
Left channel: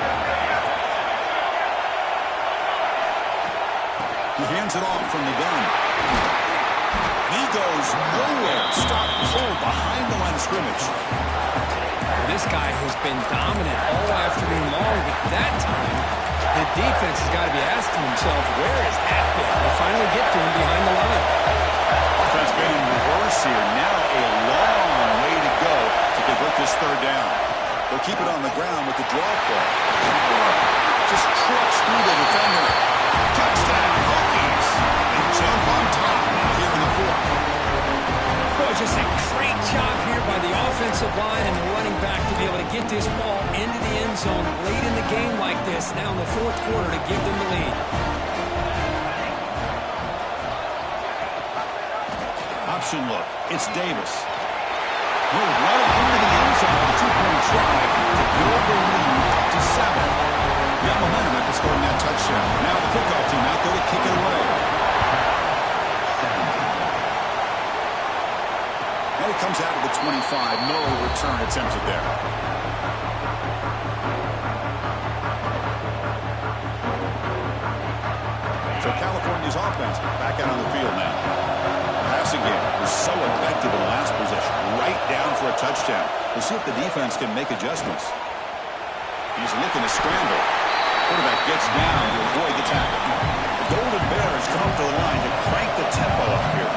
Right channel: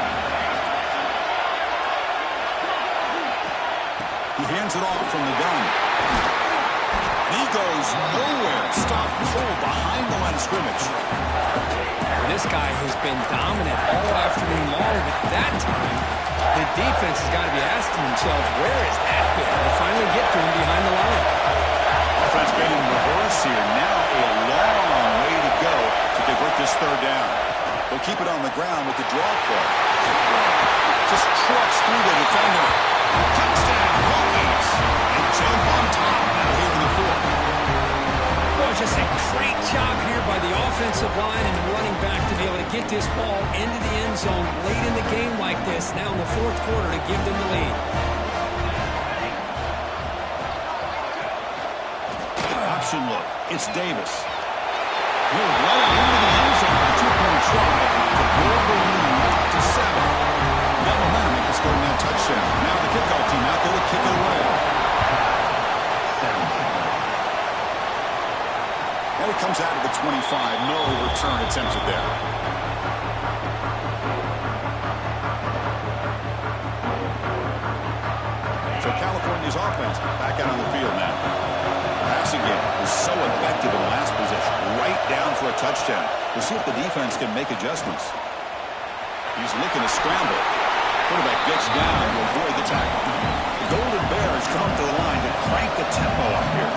He hands it off from the gun. And he goes nowhere. Stop cold behind the line of scrimmage. This guy has been dominant all afternoon long, but that time the defense has got to be asking themselves, where has that been? They finally get to him behind the line. Offense been in reverse here. Now a long way to go to convert this third down. They'll keep it on the ground with the draw play. Just trucks through the defender. Touchdown, Hokies. They jump on top now here in the fourth. Boy, just a great job here by the offensive line and the running back to be able to get this ball into the end zone late in the game like this, now in the fourth quarter, to give them the lead. Option look. It's Davis. He'll run it into the end zone for the two-point try to build the lead up to 7. Got momentum after scoring that touchdown. Now the kickoff team out there to kick it away. And it comes out of the 25. No return attempted there. So California's offense back out on the field now. Passing game was so effective in the last possession. Right down for a touchdown. We'll see if the defense can make adjustments. He's looking to scramble. Quarterback gets down to avoid the tackle. The Golden Bears come up to the line to crank the tempo up here.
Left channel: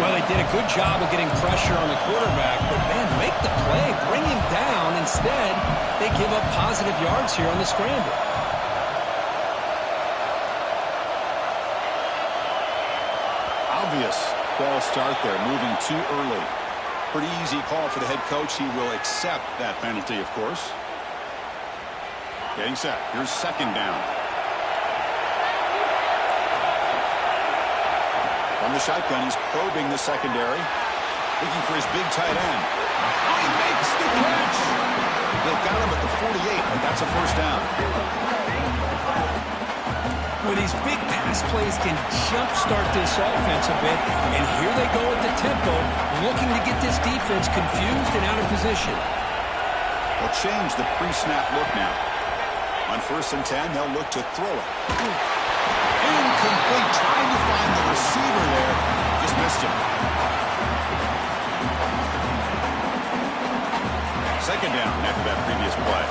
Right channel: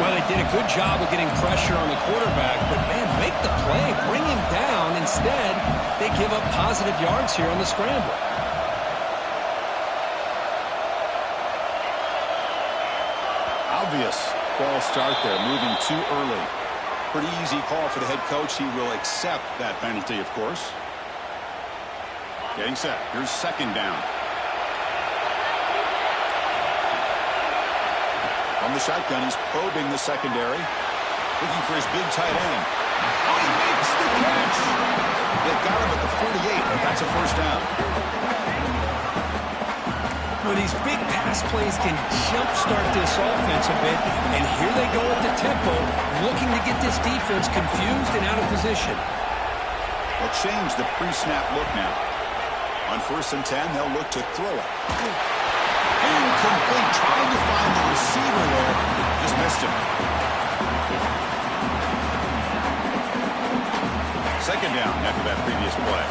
Well, they did a good job of getting pressure on the quarterback, but, man, make the play, bring him down. Instead, they give up positive yards here on the scramble. Obvious false start there, moving too early. Pretty easy call for the head coach. He will accept that penalty, of course. Getting set. Here's second down. From the shotgun, he's probing the secondary. Looking for his big tight end. Oh, he makes the catch! They've got him at the 48, but that's a first down. Well, these big pass plays can jumpstart this offense a bit, and here they go at the tempo, looking to get this defense confused and out of position. They'll change the pre-snap look now. On 1st and 10, they'll look to throw it. Incomplete. Trying to find the receiver there. Just missed him. Second down after that previous play.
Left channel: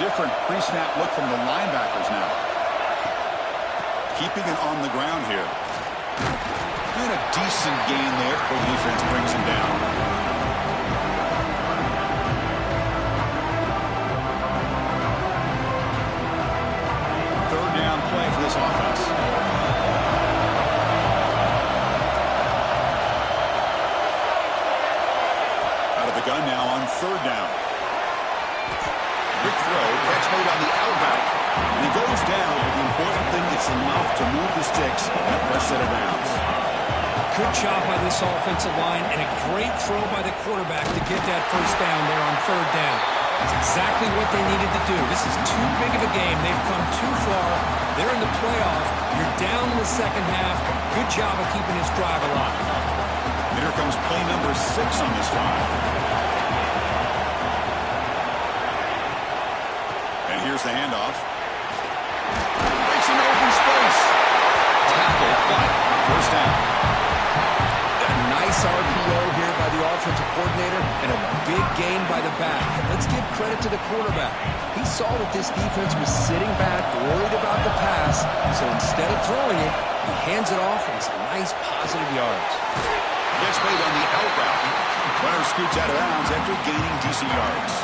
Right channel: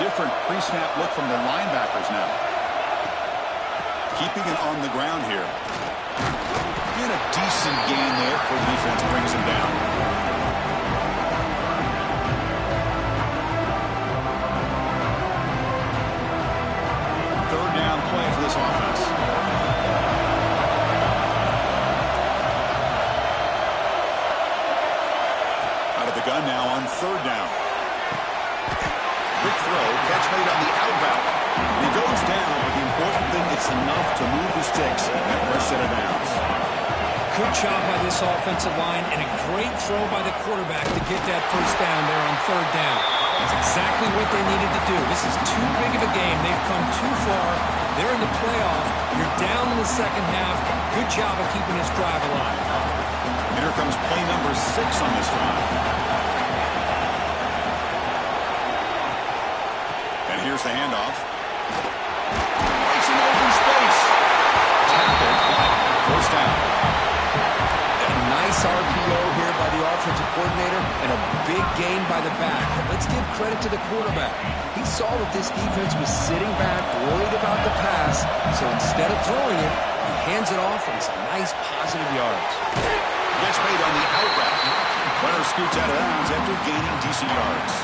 Different pre-snap look from the linebackers now. Keeping it on the ground here. And a decent gain there before the defense brings him down. Play for this offense. Out of the gun now on third down. Quick throw, catch made on the out route. And he goes down, but the important thing is enough to move the sticks at fresh set of downs. Good job by this offensive line and a great throw by the quarterback to get that first down there on third down. That's exactly what they needed to do. This is too big of a game. They've come too far. They're in the playoff. You're down in the second half. Good job of keeping this drive alive. And here comes play number 6 on this drive. And here's the handoff. Breaks into open space. Tackled, but first down. A nice RPO here by the offensive coordinator and a big gain by the back. Let's give credit to the quarterback. He saw that this defense was sitting back, worried about the pass, so instead of throwing it, he hands it off and some nice positive yards. Catch made on the out route. Runner scoots out of bounds after gaining decent yards.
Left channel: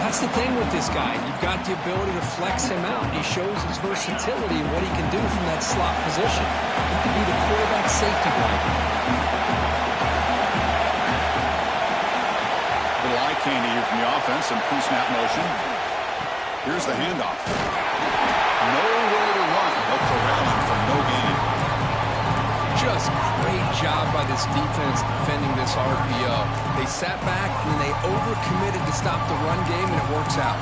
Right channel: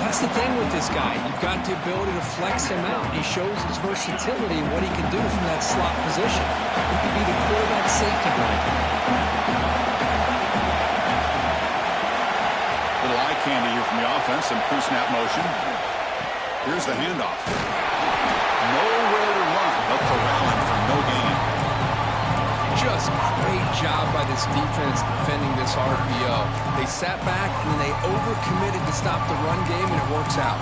That's the thing with this guy. You've got the ability to flex him out. He shows his versatility and what he can do from that slot position. He could be the quarterback safety blanket. Little eye candy here from the offense. Some pre-snap motion. Here's the handoff. Nowhere to run. They'll corral him for no gain. Just great job by this defense defending this RPO. They sat back and then they overcommitted to stop the run game, and it works out.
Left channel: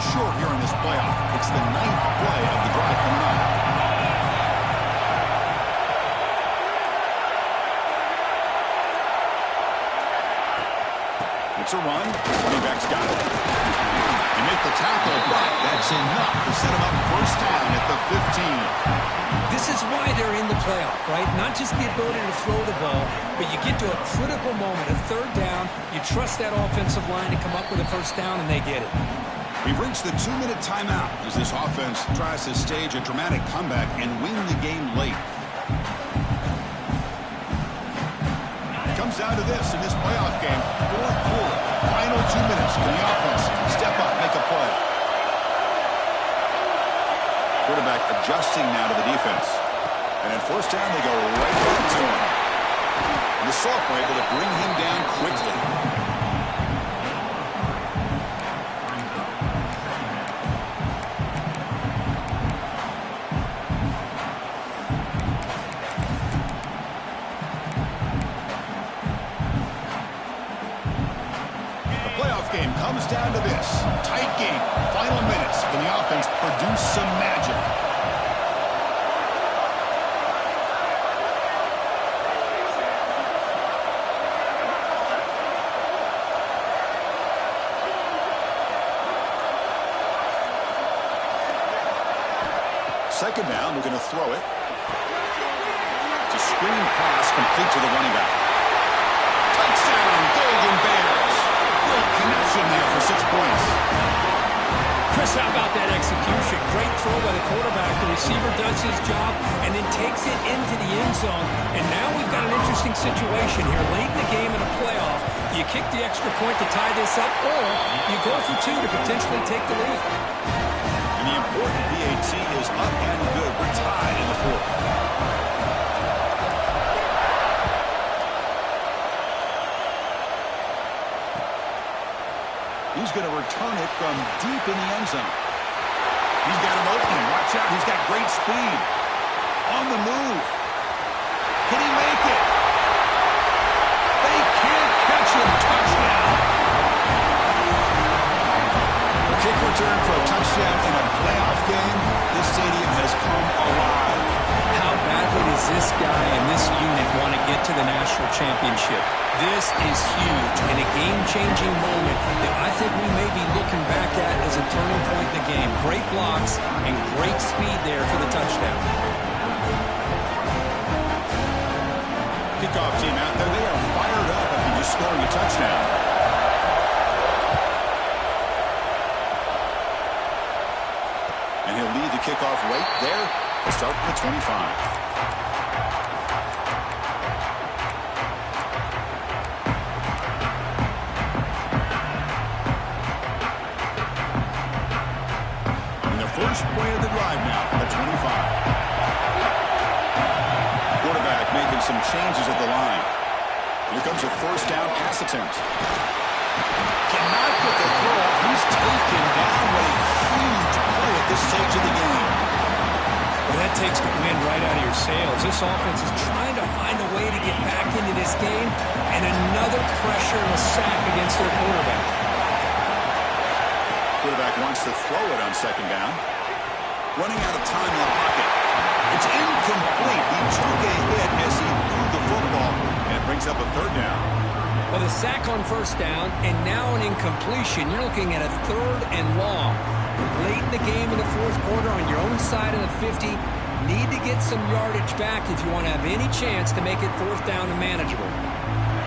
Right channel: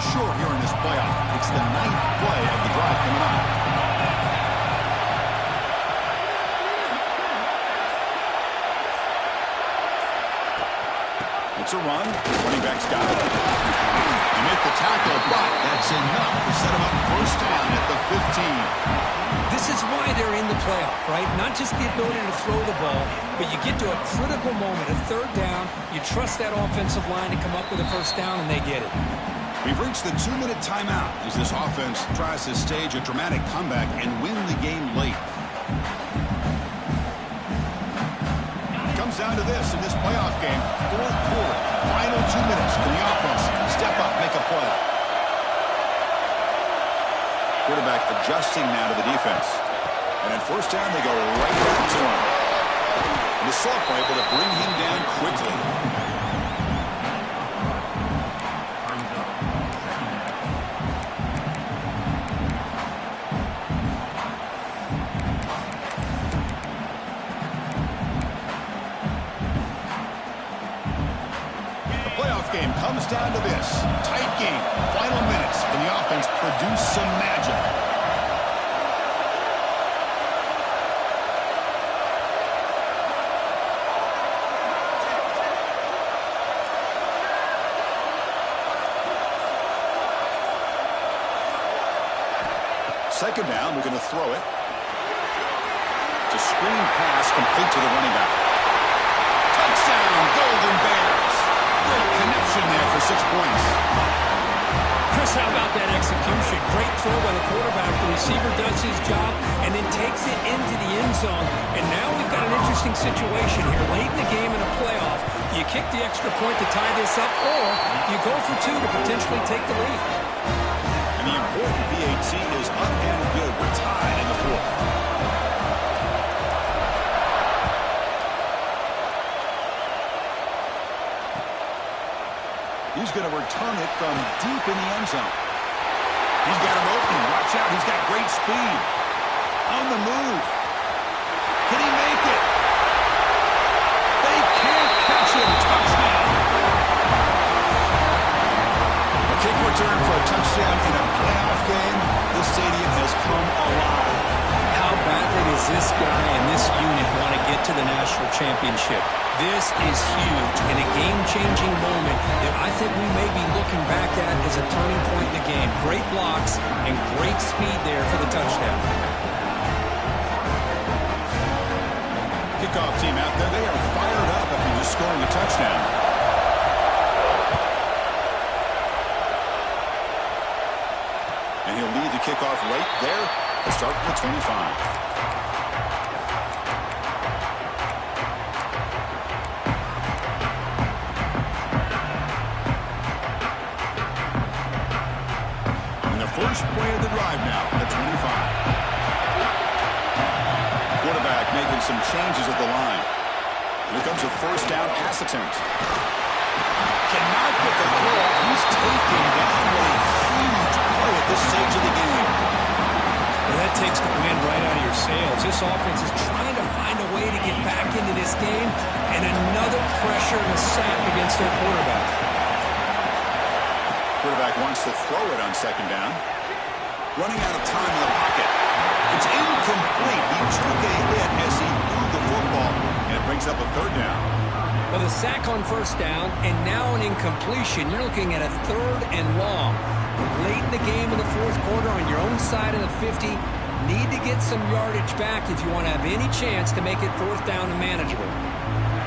Short here in this playoff. It's the 9th play of the drive coming up. It's a run. Running back's got it. They make the tackle, but that's enough to set him up first down at the 15. This is why they're in the playoff, right? Not just the ability to throw the ball, but you get to a critical moment, a third down. You trust that offensive line to come up with a first down, and they get it. We've reached the 2-minute timeout as this offense tries to stage a dramatic comeback and win the game late. It comes down to this in this playoff game. Fourth quarter, final 2 minutes. Can the offense step up, make a play? Quarterback adjusting now to the defense. And at first down, they go right back to him. And the sophomore able to bring him down quickly. Game comes down to this. Tight game. Final minutes. Can the offense produce some magic? Second down, we're going to throw it. It's a screen pass complete to the running back. Touchdown, Golden Bears. Great connection there for 6 points. Chris, how about that execution? Great throw by the quarterback. The receiver does his job and then takes it into the end zone. And now we've got an interesting situation here. Late in the game in a playoff, do you kick the extra point to tie this up, or you go for two to potentially take the lead? And the important PAT is up and good. We're tied in the fourth. He's going to return it from deep in the end zone. He's got him open. Watch out. He's got great speed. On the move. Can he make it? They can't catch him. Touchdown. A kick return for a touchdown in a playoff game. This stadium has come alive. How badly does this guy and this unit want to get to the national championship? This is huge and a game-changing moment that I think we may be looking back at as a turning point in the game. Great blocks and great speed there for the touchdown. Kickoff team out there, they are fired up after just scoring a touchdown. And he'll lead the kickoff right there. Let's start from the 25. First play of the drive now at 25. Quarterback making some changes at the line. Here comes a first down pass attempt. Cannot get the throw off. He's taken down. What a huge play at this stage of the game. Well, that takes the wind right out of your sails. This offense is trying to find a way to get back into this game, and another pressure and a sack against their quarterback. Quarterback wants to throw it on second down. Running out of time in the pocket. It's incomplete. He took a hit as he threw the football, and it brings up a third down. Well, the sack on first down, and now an incompletion. You're looking at a third and long. Late in the game in the fourth quarter on your own side of the 50. Need to get some yardage back if you want to have any chance to make it fourth down and manageable.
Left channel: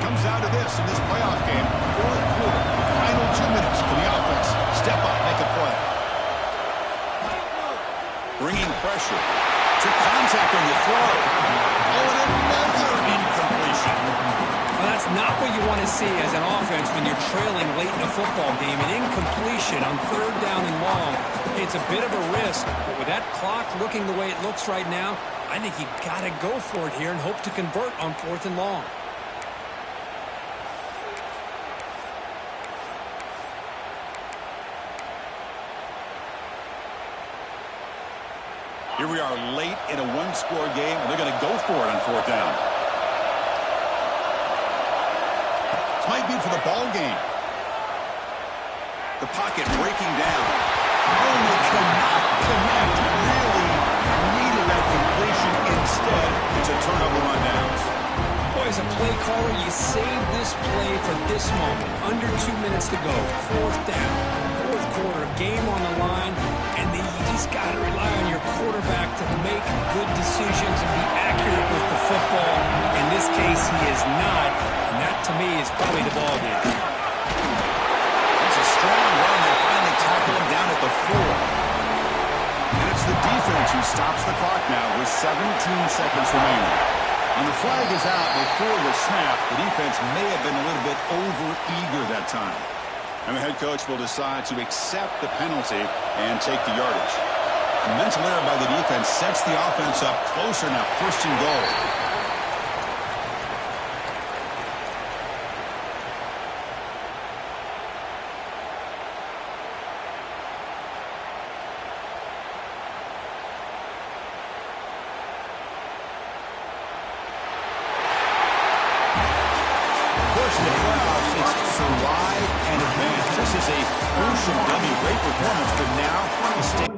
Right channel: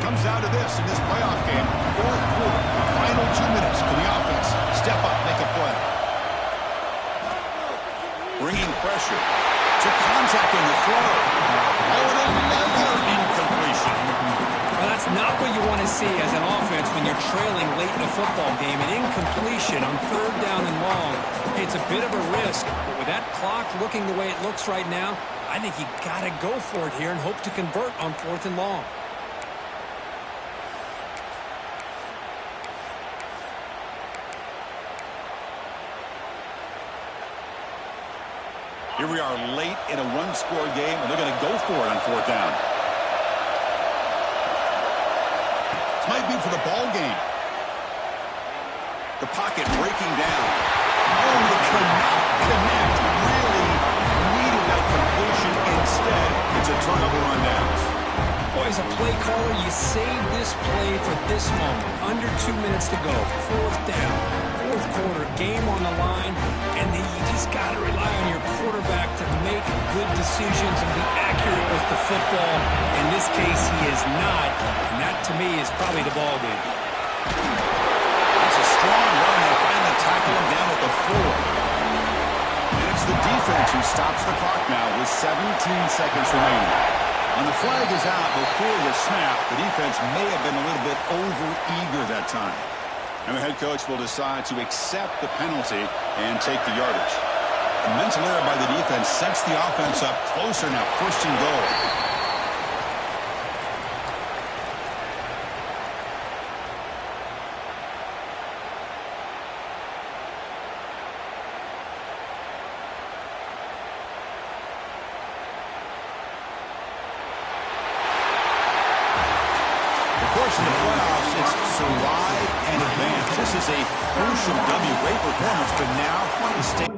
Comes down to this in this playoff game. Fourth quarter, final 2 minutes. Can the offense step up, make a play? Bringing pressure. Took contact on the throw. Oh, and another incompletion. Well, that's That's not what you want to see as an offense when you're trailing late in a football game. An incompletion on 3rd down and long. It's a bit of a risk, but with that clock looking the way it looks right now, I think you got to go for it here and hope to convert on 4th and long. Here we are late in a one-score game, and they're going to go for it on 4th down. This might be for the ball game. The pocket breaking down. Oh, they cannot connect. Really needed that completion. Instead, it's a turnover on downs. Boy, as a play caller, you saved this play for this moment. Under 2 minutes to go. 4th down. 4th quarter, game on the line, and then you just got to rely on your quarterback to make good decisions and be accurate with the football. In this case, he is not, and that, to me, is probably the ball game. That's a strong run. They finally tackle him down at the 4. And it's the defense who stops the clock now with 17 seconds remaining. When the flag is out before the snap, the defense may have been a little bit over-eager that time. And the head coach will decide to accept the penalty and take the yardage. A mental error by the defense sets the offense up closer now, 1st and goal. Of course, in the playoffs, it's survive and advance. This is a crucial W. Great performance, but now the state.